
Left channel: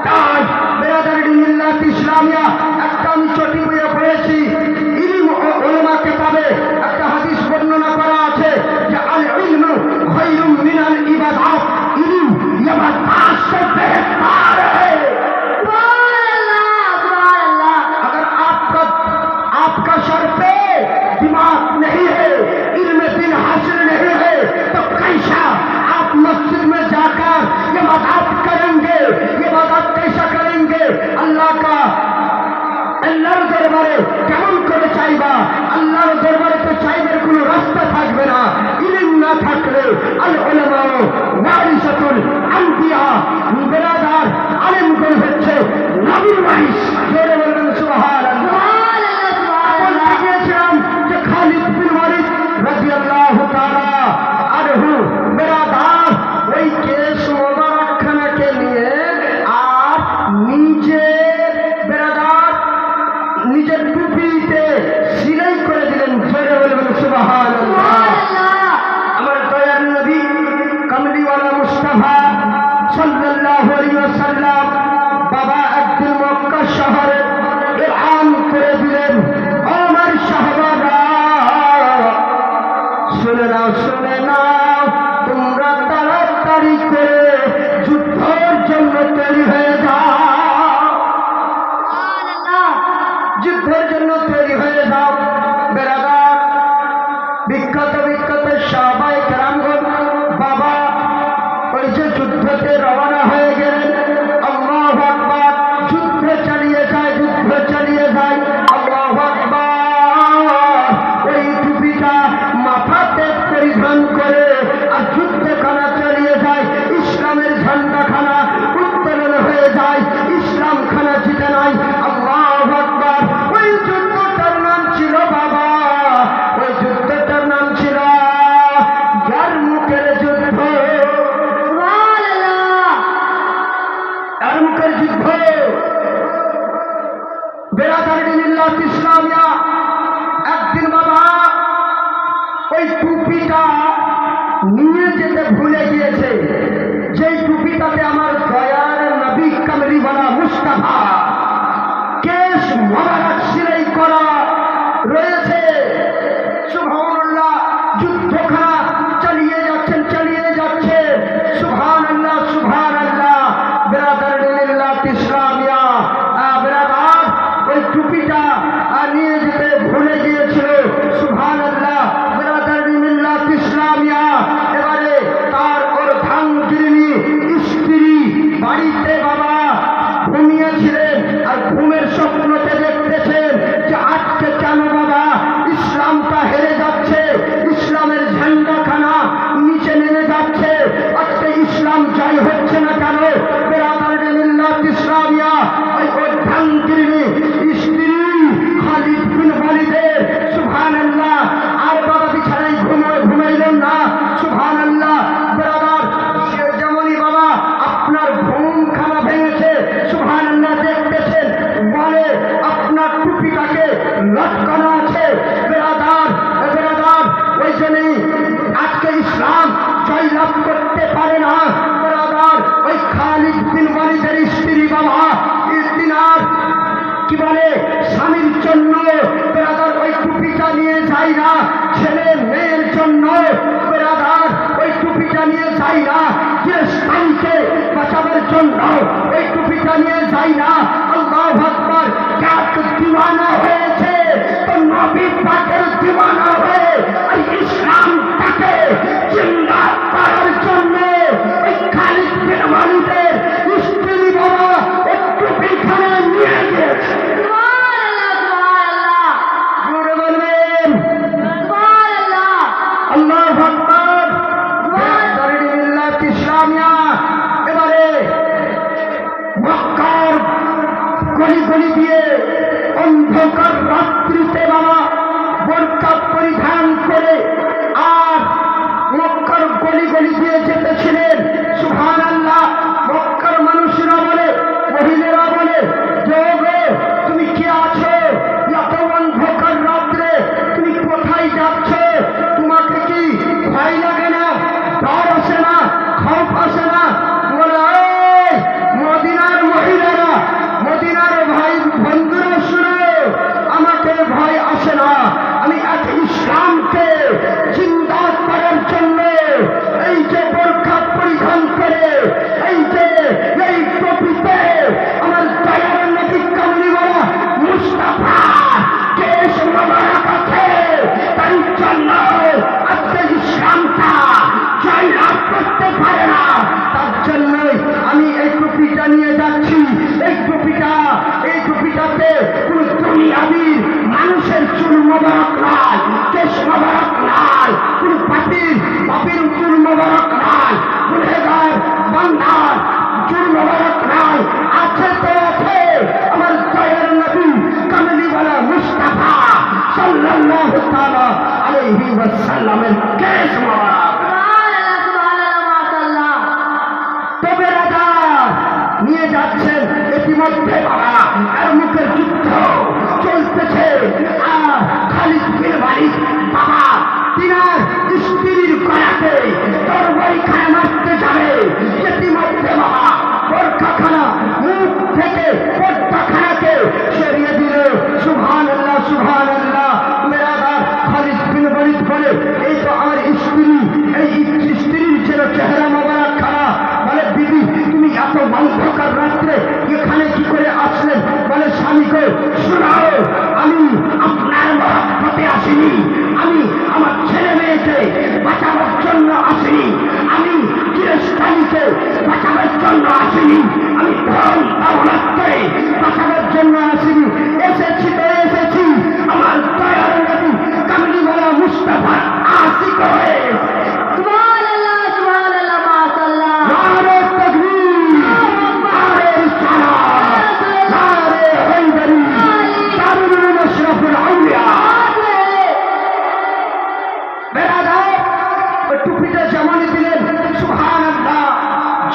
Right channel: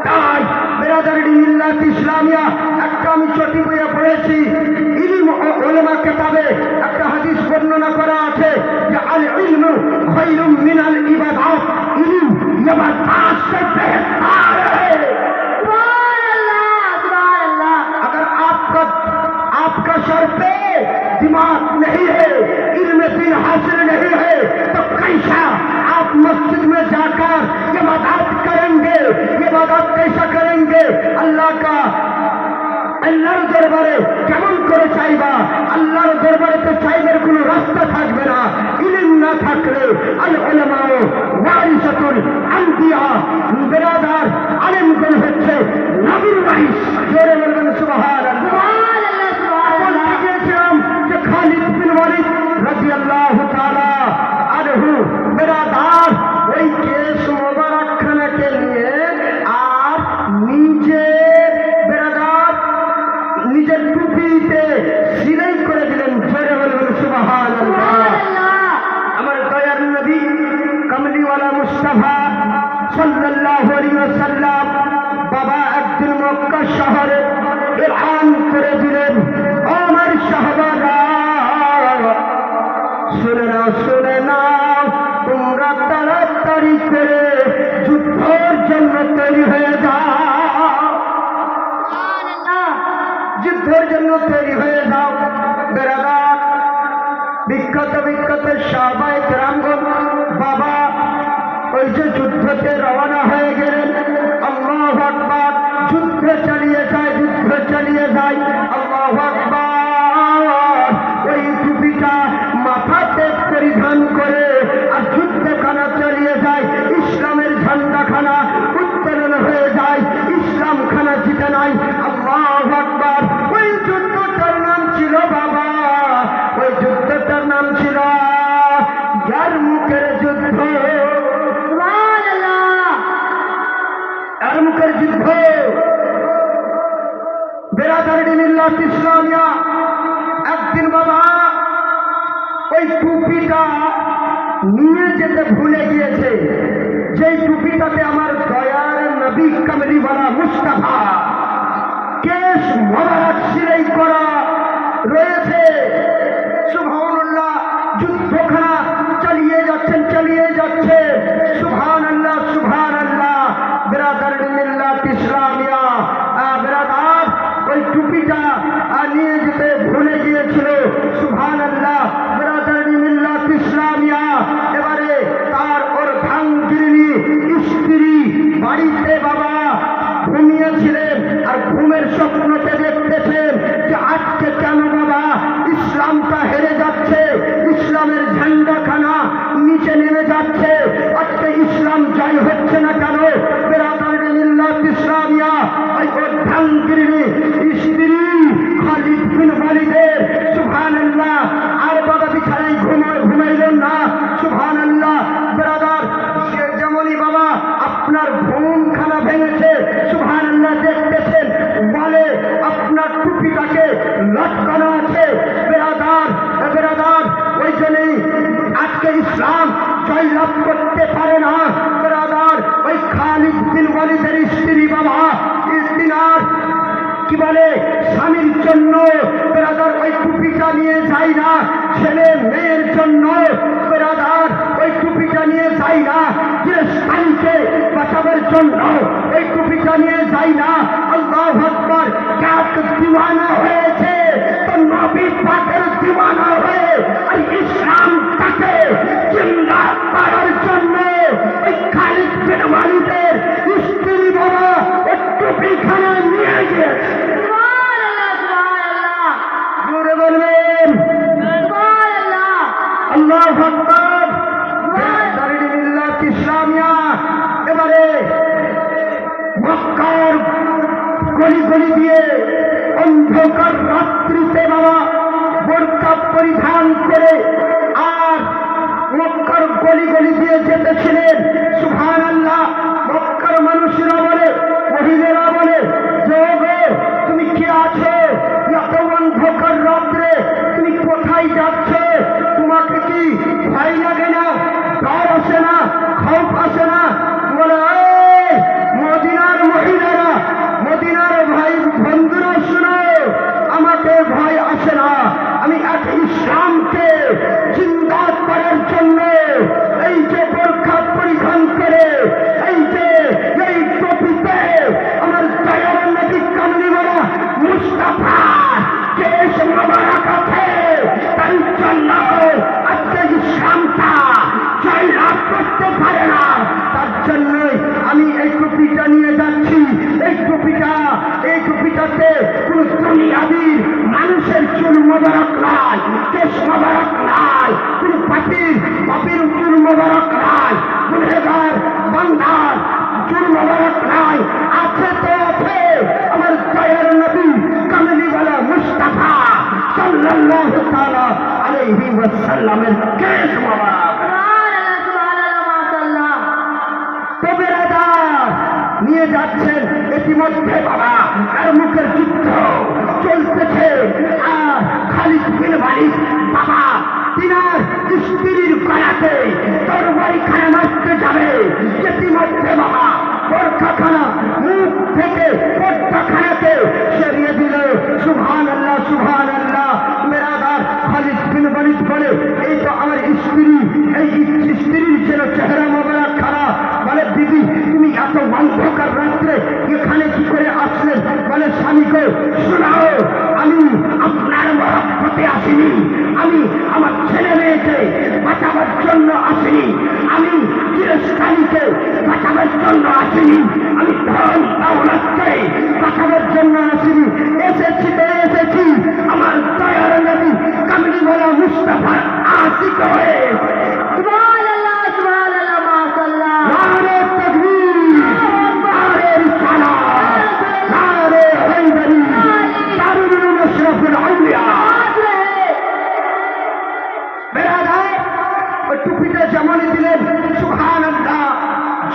তার বেরাদার মিল্লাত ইসলামিয়া একটা আমি চটি বইয়ে পড়েছি, ইলম ও উলামা কিতাবে একটা হাদিস বর্ণনা করা আছে যে আল ইলমু খায়রুম মিনাল ইবাদাত। ইলম ইবাদত से बेहतर है। सुभान अल्लाह। अगर आपका सर पे दिमाग नहीं है, इल्म दिन हासिल नहीं है, तो कैसा आप मस्जिद में जाकर ये इबादत करेंगे? ये इबादत कैसा करेंगे? अल्लाह का আল্লাহর দরবারে কেমন করে চাইবা? আল্লাহর দরবারে তো চাইবার কোনো রাস্তা থাকবে না। ইলম না থাকলে আল উলামা ওয়ারিসাতুল আম্বিয়া। বেরাদার আলেমগণ হচ্ছে নবীর ওয়ারিস। জোরে বলবেন সুবহানাল্লাহ, সুবহানাল্লাহ। বলেছিলাম যে খালিদ বিন ওয়ালিদ রাদিয়াল্লাহু তাআলা আনহু বেরাদার ওই কেশ মোবারক খানাকে নিয়ে আর নিজের টুপিতে সিলাই করে দিলেন। জোরে বলবেন সুবহানাল্লাহ। আমার দয়ার নবী কামলিওয়ালা মুস্তাফা সাল্লাল্লাহু আলাইহি ওয়াসাল্লাম বাবা একদিন মক্কা শহরে এলান করে দিলেন, আমার সাহাবারা শুনে নাও, তোমরা তাড়াতাড়ি করে যুদ্ধের জন্য তৈরি হয়ে যাও, যুদ্ধের জন্য তৈরি হয়ে যাও। বেরাদার বিখ্যাত সাহাবায়ে কেরামগণ বাবা ওই যে যুদ্ধতে রওনা হয়ে গেলেন। আল্লাহু আকবার, যুদ্ধ চালিয়ে যায়, আল্লাহু আকবার। ওই টুপিটা মাথাতে পরিধান করে আর যুদ্ধখানা চালিয়ে যায়, ইসলামের ঝান্ডাখানা উত্তোলন হয়ে যায়, ইসলাম খানা জিতে নাই। আল্লাহু আকবার। ওই যুদ্ধটার নাম ছিল বাবা, ওই যুদ্ধটার নাম ছিল ইয়ারমুকের যুদ্ধ। ইয়ারমুকের যুদ্ধ। বেরাদারি মিল্লাত ইসলামিয়া একদিন বাবা ওই টুপিটা নিয়ে যেতে ভুলে গিয়েছে, যেই টুপিটাতে আমার দয়ার নবী কামলিওয়ালা মুস্তাফা কেশ মোবারক সিলাই করা রয়েছে। সুবহানাল্লাহ। যুদ্ধখানা চালিয়ে যাচ্ছে, সুবহানাল্লাহ সুবহানাল্লাহ। বেরাদারি মিল্লাত ইসলামিয়া বেরাদার ওই টুপিটা নিয়ে যেতে ভুলে গিয়েছিল, সুবহানাল্লাহ। বেরাদারি মিল্লাত ইসলামিয়া এবারে তার ওর ভাঙ্গিনী স্ত্রী বাড়িতে বাবা ঘুমিয়েছিলেন, আর ঘুমের স্বপ্নতে দেখতেছেন যে আজকে কেন বাবা ইসলামটা হেরে যাচ্ছে, ইসলামের ঝান্ডাখানা নিচে নেমে যাচ্ছে, আজকে ইসলাম জয় হচ্ছে না কেন। বেরাদারি মিল্লাত ইসলামিয়া ওই ভাঙ্গিনী স্ত্রী খালিদ বিন ওয়ালিদের সুবহানাল্লাহ আর বাবা বিছানায় ঘুমাইলেন না, সুবহানাল্লাহ। বেরাদার সে যেমনই বাবা আপনার ঘুমখানা ভেঙেছে, সুবহানাল্লাহ, দেখতেছেন বলে আপনার টুপিটাকে লটকানো আছে। বেরাদার ওই জন্যই আজকে ইসলাম জয়লাভ করতে পারে না। বেরাদার ওই খালিদ বিন ওয়ালিদের স্ত্রী বাবা ইসদিনার কি বলে স্বামীর জন্য বেরাদার ওই টুপিটা নিয়ে যায় না, ছেলে মেয়ের জন্য বেরাদার ওই টুপিটা নিয়ে যায় না, যে স্বামীকে বাঁচাবার জন্য ওই টুপিটা নিয়ে যায় না। আল্লাহু আকবার। কাত দিওয়ানা হয়েছে তো নবী পাকের দিওয়ানা হয়ে আর ইসলামটাকে জিন্দা করার জন্য ওই খালিদ বিন ওয়ালিদের স্ত্রী বাবা ওই টুপিখানা নিয়ে গিয়েছে। আল্লাহু আকবার। বেরাদারি মিল্লাত ইসলামিয়া এবারে মক্কার গলি দিয়ে অন্ধকার রাত্রিতে বাবা বোরকা পরিধান করে আর মক্কার গলি দিয়ে যেতেছিলেন, সুবহানাল্লাহ। মক্কার মানুষরা বলে, মহিলারা বলে, যোগো তুমি কে আছো এত অন্ধকার রাত্রে, তুমি কোথায় যাচ্ছ, তোমাকে কি ভয় লাগে না, ডর আসে না, খৌফ আসে না? বলে মদিনার মহিলারা, মদিনার ভাই বন্ধুরা শুনো, আমাকে ভয় আসে না, আমি আজ ইসলামকে জিন্দা করার জন্য এই যে বোরকা পরিধান করে এই টুপিতে আমার দয়ার নবী কামলিওয়ালা মুস্তাফা কেশ মোবারক আছে, তার জন্য আজকে ইসলামটা জয়লাভ করতে পারে না। তার জন্যই আমি এই টুপিটা নিয়ে যাচ্ছি। এই টুপিটাতে কোন দুনিয়াবি মানুষের চুল মোবারক নয়, কেশ মোবারক নয়, কোন পাপির চুল মোবারক নয়, গুনেগার বান্দার চুল মোবারক নয়। আছে তো আছে আমার দয়ার নবী কামলিওয়ালা মুস্তাফা সাল্লাল্লাহু তাআলা আলাইহি ওয়াসাল্লামের কেশ মোবারক। নিয়ে যাচ্ছেন ইতিমধ্যে বাবা আর মুখের যুদ্ধ চলতেছে, আর খালিদ বিন ওয়ালিদ বাবা তিনার স্ত্রীর গলাতে তরবারি খানা মারতে যাবে, ইতিমধ্যে বাবা পর্দাখানা, মুখ থেকে পর্দাখানাকে সরিয়ে দিল। সুবহানাল্লাহ, সুবহানাল্লাহ। বেরাদার, খালিদ বিন ওয়ালিদ বলে, এই তো আমার স্ত্রী, এই স্ত্রীর ছিল চেহারা মোবারক খারাপ। বলে, দিদি তুমি এত অন্ধকার রাত্রে এখানে কি করে আসলেন? বলে, স্বামীকে শোনাও, আমি আপনার মহব্বতে আসিনি, আমি আমার ছেলে মেয়েকে বাঁচাবার জন্য আসিনি, আমি চিরস্থায়ীকে বাঁচাবার জন্য আসিনি, আমি ধন দৌলতকে বাঁচাবার জন্য আসিনি। এসেছি তো এসেছি আমার দয়ার নবী কামলিওয়ালা মুস্তাফার আশিক হয়ে। সুবহানাল্লাহ, সুবহানাল্লাহ, মাশাআল্লাহ। নারে তাকবীর, নারে রিসালাত, নারে হায়দারি, তারুন আশরাফুল আউলিয়া। বেরাদার, ওই টুপিটা জামানে দিলেন। সুবহানাল্লাহ,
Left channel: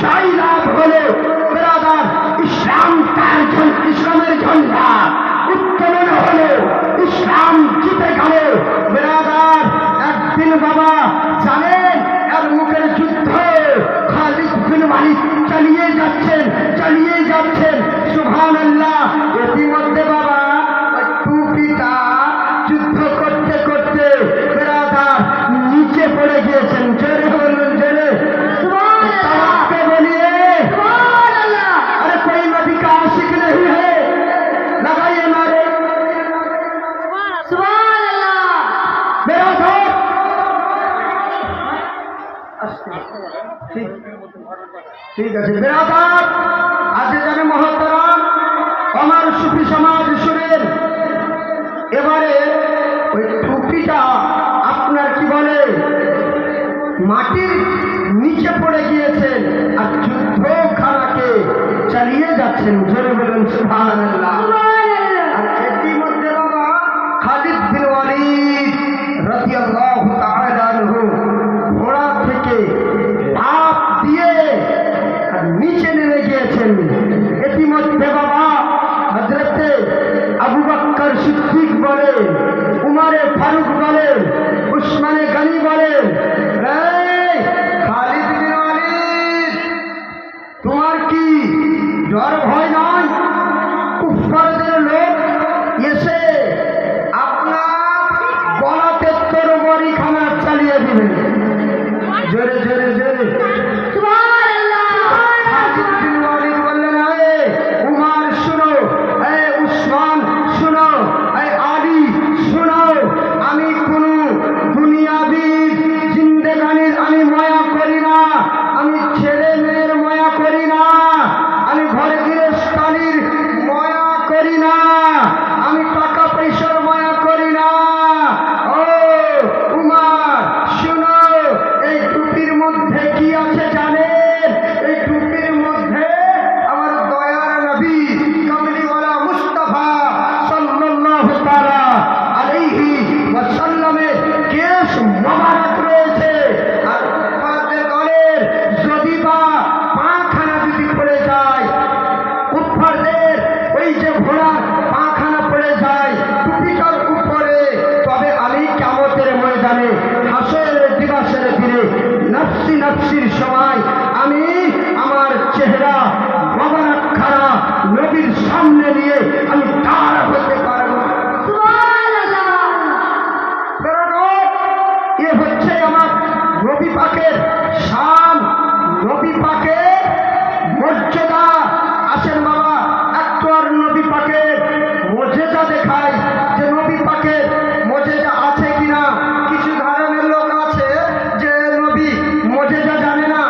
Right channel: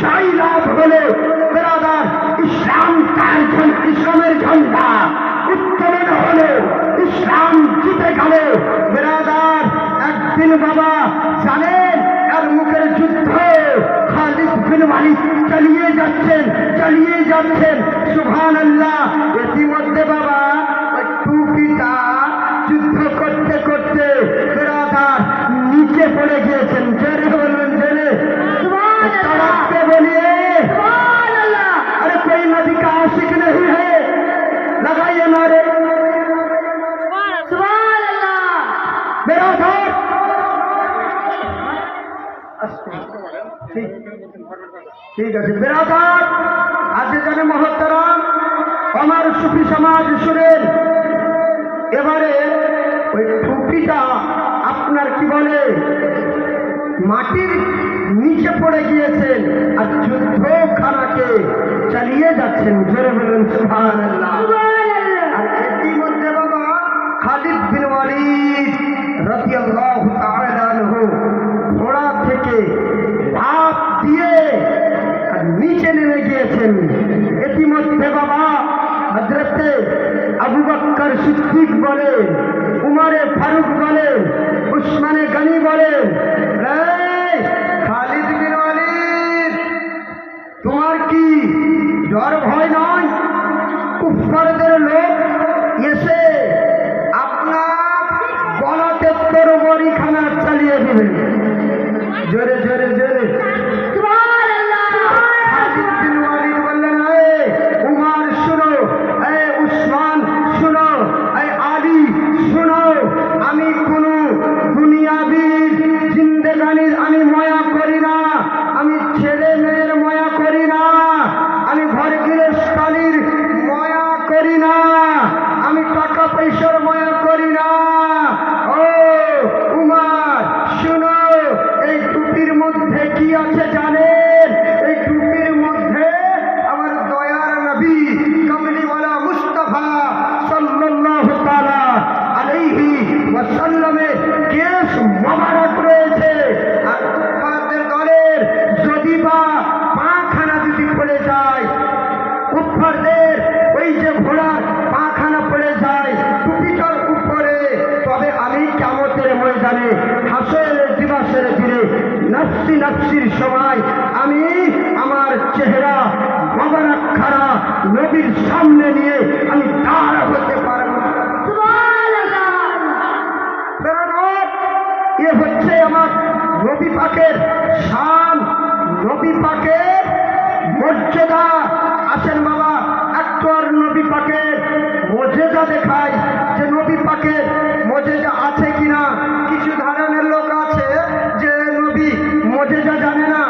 জয় লাভ হলো। বেরাদার, ইসলামের ঝন্ডা উত্তোলন হলো, ইসলাম জিতে গেল। বেরাদার, একদিন বাবা জানেন এর মুখের যুদ্ধ খালিদ বিন ওয়ালিদ চালিয়ে যাচ্ছেন, চালিয়ে যাচ্ছেন। সুবহানাল্লাহ। ইতিমধ্যে বাবা ওই টুপিটা যুদ্ধ করতে করতে বেরাদার নিচে পড়ে গিয়েছেন। জোরে বলুন, জোরে। তাওয়াক্কে বলিয়ে, সুবহানাল্লাহ। अरे कोई नबी का आशिक नहीं है, लगाइए नारे। সুবহানাল্লাহ। मेरा घर ঠিক আছে বেরাদার, আজ জানে মহতরাম আমার সুফি সমাজ শুনেন। এবারে ওই টুপিটা আপনার কি বলে মাটির নিচে পড়ে গিয়েছেন আর যুদ্ধখানাকে চালিয়ে যাচ্ছেন। জোরে বলুন সুবহানাল্লাহ। আর ইতিমধ্যে বাবা খালিদ বিন ওয়ালিদ রাদিয়াল্লাহু তাআলা আনহু ঘোড়া থেকে লাফ দিয়ে আর নিচে নেমে গিয়েছেন। ইতিমধ্যে বাবা হযরতে আবু বকর সিদ্দিক বলেন, উমরে ফারুক বলেন, উসমানে গনি বলেন, এই খালিদ বিন ওয়ালিদ তোমার কি ডর ভয় নয়? কুফফারদের লোক এসে আপনার গলাতে তরবারি খানা চালিয়ে দিবে। জোরে জোরে জোরে। সুবহানাল্লাহ। খালিদ বিন ওয়ালিদ বললেন, এ উমর শুনো, এ উসমান শুনো, এ আলী শুনো, আমি কোন দুনিয়াবি জিন্দেগানির আমি মায়া করি না, আমি ছেলে মেয়ের মায়া করি না, আমি ঘর গৃহস্থালির মায়া করি না, আমি টাকা পয়সার মায়া করি না। ও উমর শুনো, এই টুপির মধ্যে কি আছে জানেন? এই টুপির মধ্যে আমার দয়ার নবী কামলিওয়ালা মুস্তাফা সাল্লাল্লাহু তাআলা আলাইহি ওয়াসাল্লামের কেশ মোবারক রয়েছে। আর কুফফারদের দলের যদি বা পাখানা যদি পড়ে যায়, কুফফারদের ওই যে ঘোড়ার পাখানা পড়ে যায় টুপিটার উপরে, তবে আমি কিয়ামতের ময়দানে হাসরের দিবসের দিনে নফসি নফসির সময় আমি আমার চেহারা মোবারক খানা নবীর সামনে নিয়ে আমি দাঁড় হতে পারবো। সুবহানাল্লাহ। এ হচ্ছে আমার নবী পাকের শান, নবী পাকের মর্যাদা। আসেন বাবা একটু আর নবী পাকের মর্যাদা দেখায় যে নবী পাকের মর্যাদা আছে কিনা। কিছু ধরনের লোক আছে যে নবী মর্যাদা জানে না,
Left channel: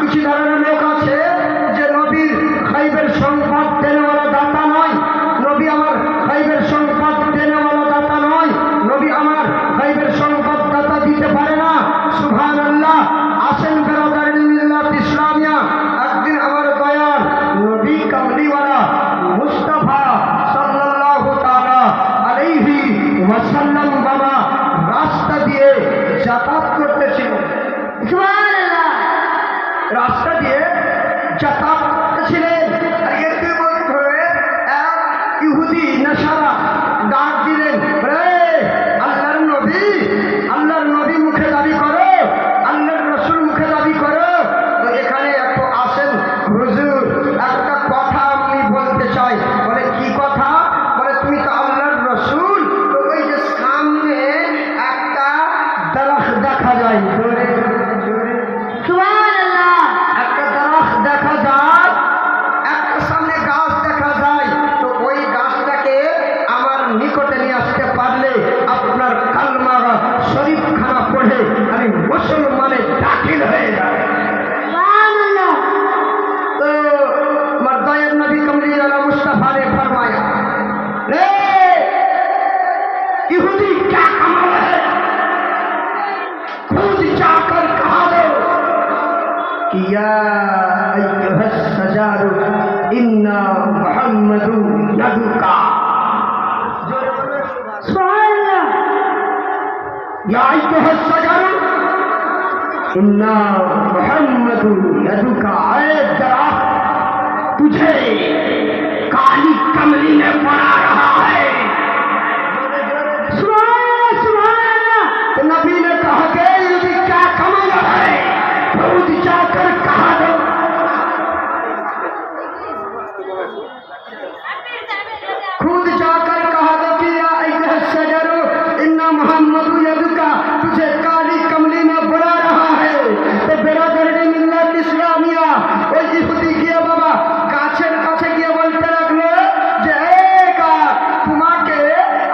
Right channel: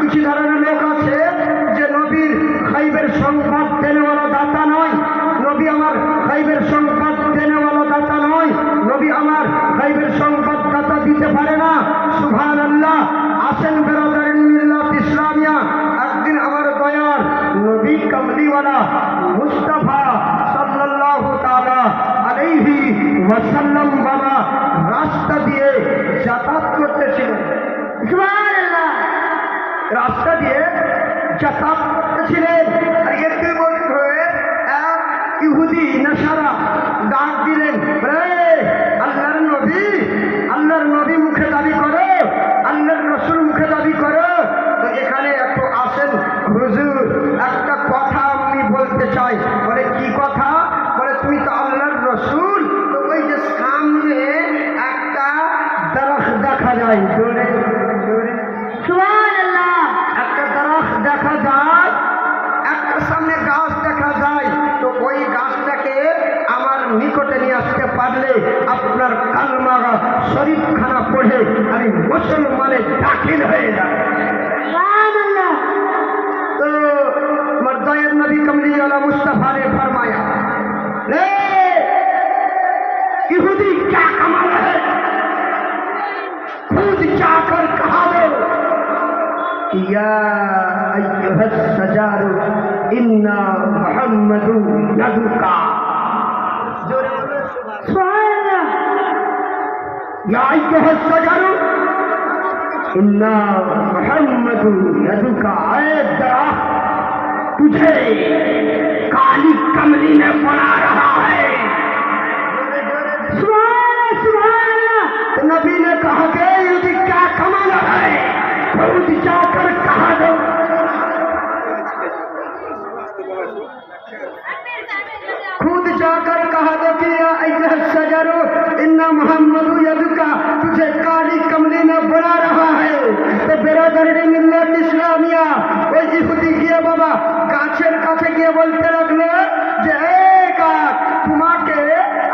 কিছু ধরনের লোক আছে যে নবীর খাইবের সংবাদ দেনেওয়ালা দাতা নয়, নবী আমার খাইবের সংবাদ দেনেওয়ালা দাতা নয়, নবী আমার খাইবের সংবাদ দাতা দিতে পারে না। সুবহানাল্লাহ। আসেন বেরাদার মিল্লাত ইসলামিয়া, একদিন আমার দয়ার নবী কামলিওয়ালা মুস্তাফা সাল্লাল্লাহু তাআলা আলাইহি ওয়াসাল্লাম বাবা রাস্তা দিয়ে যাতায়াত করতেছিল। সুবহানাল্লাহ। রাস্তা দিয়ে যাতায়াত করতেছিলেন। আর ইতিমধ্যে এক ইহুদি নেশারা ডাক দিলেন, আল্লাহর নবী, আল্লাহর নবী মুখে দাবি করো, আল্লাহর রসুল মুখে দাবি করো, তো এখানে একটু আসেন হুজুর, একটা মুসলমানের দাখিল হয়ে যায়। सुभान तो मर्दाए नबी कमली अला मुस्तफा ने फरमाया, ले यहूदी क्या कमाल है, खुद जाकर कहा दो कि या अय्युहस सजारु इन्ना मुहम्मदु यदुका, अल्लाह या अय्युहस सजारु इन्ना मुहम्मदु यदुका, अरे दरख्त तुझे काली कमली ने बना रहा है। सुभान अल्लाह तो नबी ने कहा कि यदि क्या कमाना है खुद जाकर कहा दो। खुद जाकर कहा दो कि या अय्युहस सजरू इन्ना मुहम्मदु यदुका, तुझे काली कमली ने बना रहा है। तो बेरादरी मिल्लत इस्लामिया ওই ইহুদি গিয়ে বাবা গাছের কাছে গিয়ে বলতে লাগলো যে তোমাকে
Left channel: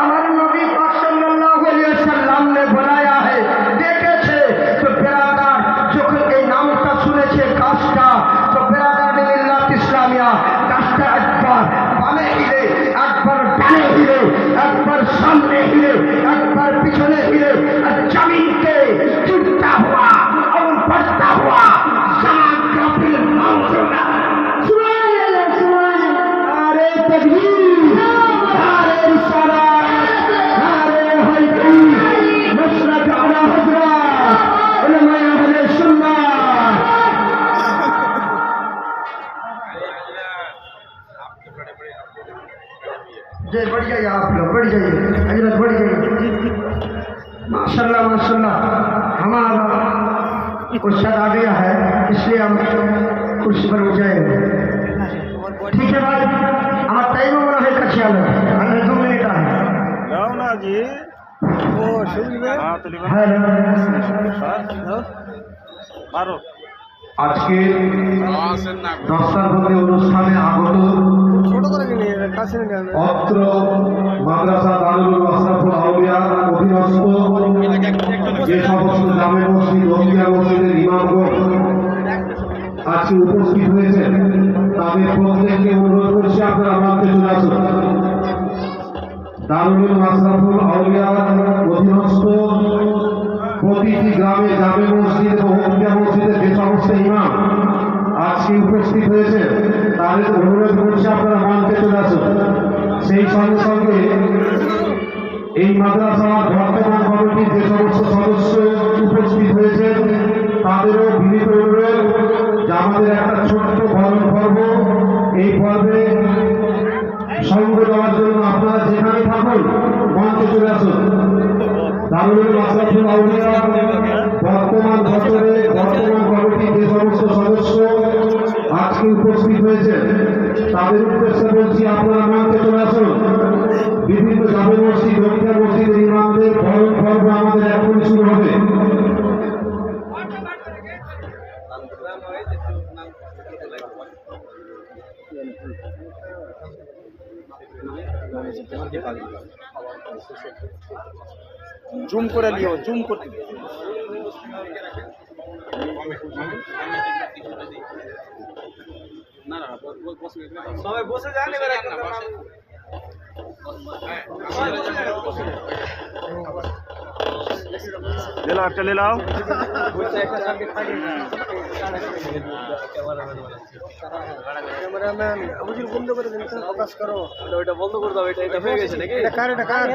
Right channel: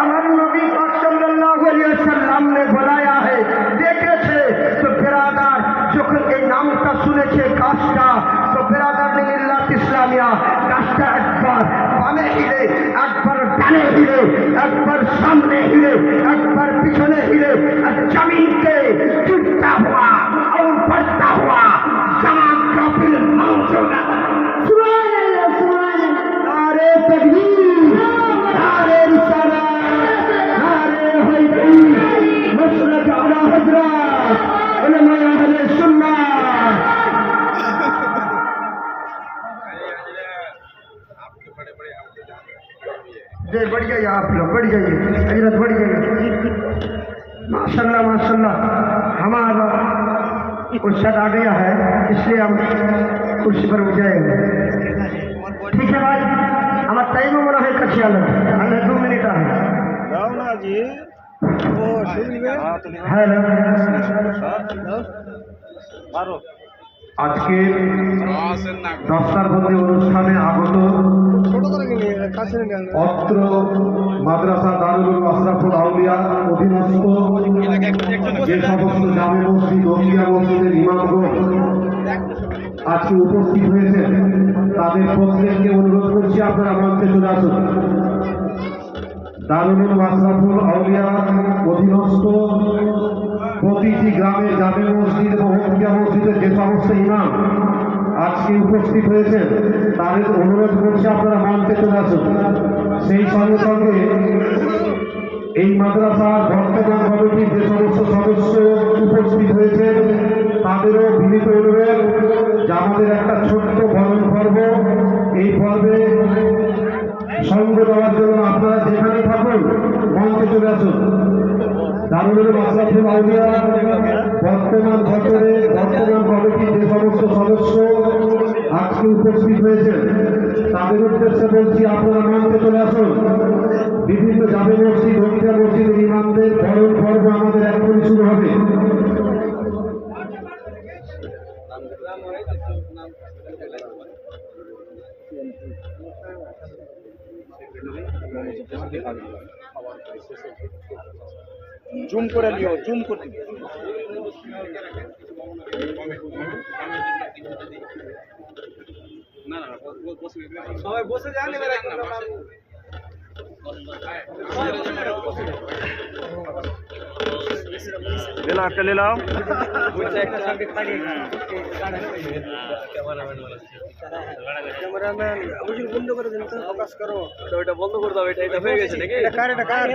আমার নবী পাক সাল্লাল্লাহু আলাইহি ওয়াসাল্লাম ने बनाया है, দেখেছে। তো বেরাদার যখন এই নামটা শুনেছে গাছটা, তো বেরাদার মিল্লাত ইসলামিয়া গাছটা একবার বামে হিলে, একবার ডানে হিলে, একবার সামনে হিলে, একবার পিছনে হিলে, আর जमीन के गिरता हुआ और बढ़ता हुआ जमान का बिल मौजूदा। सुभान अल्लाह नारे तकबीर, नारे रिसालत, नारे हैदरी, मशरक आला हजरत, उलमाए अहले सुन्नह। जय बढ़ जाइए, आप लोग बढ़ जाइए, हजरत बढ़ जाइए। माशाल्लाह माशाल्लाह, हमारा उस्ताद आ गया है, इसलिए हम कुर्सी पर उठ जाएंगे। ठीक है भाई, हमारा टाइम बड़ा है कच्चे आलम, अन्य 2 मिनट है। আজকে দস্তারবন্দি অনুষ্ঠানে আগত অত্র মাদ্রাসা দারুল আশরাফুল আউলিয়া অধীনস্থ যে সমস্ত জামে মসজিদ ওসিয়া মসজিদের ইমামগণ আজকে উপস্থিত হয়েছেন, তাদের প্রত্যেককে অনুরোধ করছি আপনারা মঞ্চে চলে আসুন। দারুল আশরাফুল আউলিয়া অধীনস্থ প্রতিটি গ্রামে জামে মসজিদ এবং ওসিয়া মসজিদের যে সমস্ত ইমাম আজকে উপস্থিত হয়েছে, তাদের অনুরোধ করছে আপনারা মঞ্চে চলে আসুন। সেই সঙ্গে সঙ্গে এই মাদ্রাসার বর্তমান কমিটির যে সমস্ত সদস্য উপস্থিত হয়েছে, তাদেরও বিনীত অনুরোধ যে আমাদের একটা ছোট্ট বরণ পর্ব, এই পর্বে সঙ্গ দেওয়ার জন্য আপনারা যেখানে থাকুন মঞ্চে চলে আসুন। দারুল আশরাফুল আউলিয়া বর্তমান বছরে বর্তমান কমিটির যে সমস্ত সদস্য আজকে উপস্থিত হয়েছে, তাদের উদ্দেশ্যে বলছি আপনারা মঞ্চে চলে আসুন। বিভিন্ন জামে মসজিদ ওসিয়া মসজিদের ইমামদের বরণ পর্ব আমাদের এখনই শুরু হবে। জুম করে নিও, জুম করতে সবাই বসে যান। এবার লেলাও, একটা লেলাও। বন্ধ করে দেন, আওয়াজ করো। ওইটা বন্ধ করে দাও, এটা হয়ে গেছে নাকি? এখানে এখানে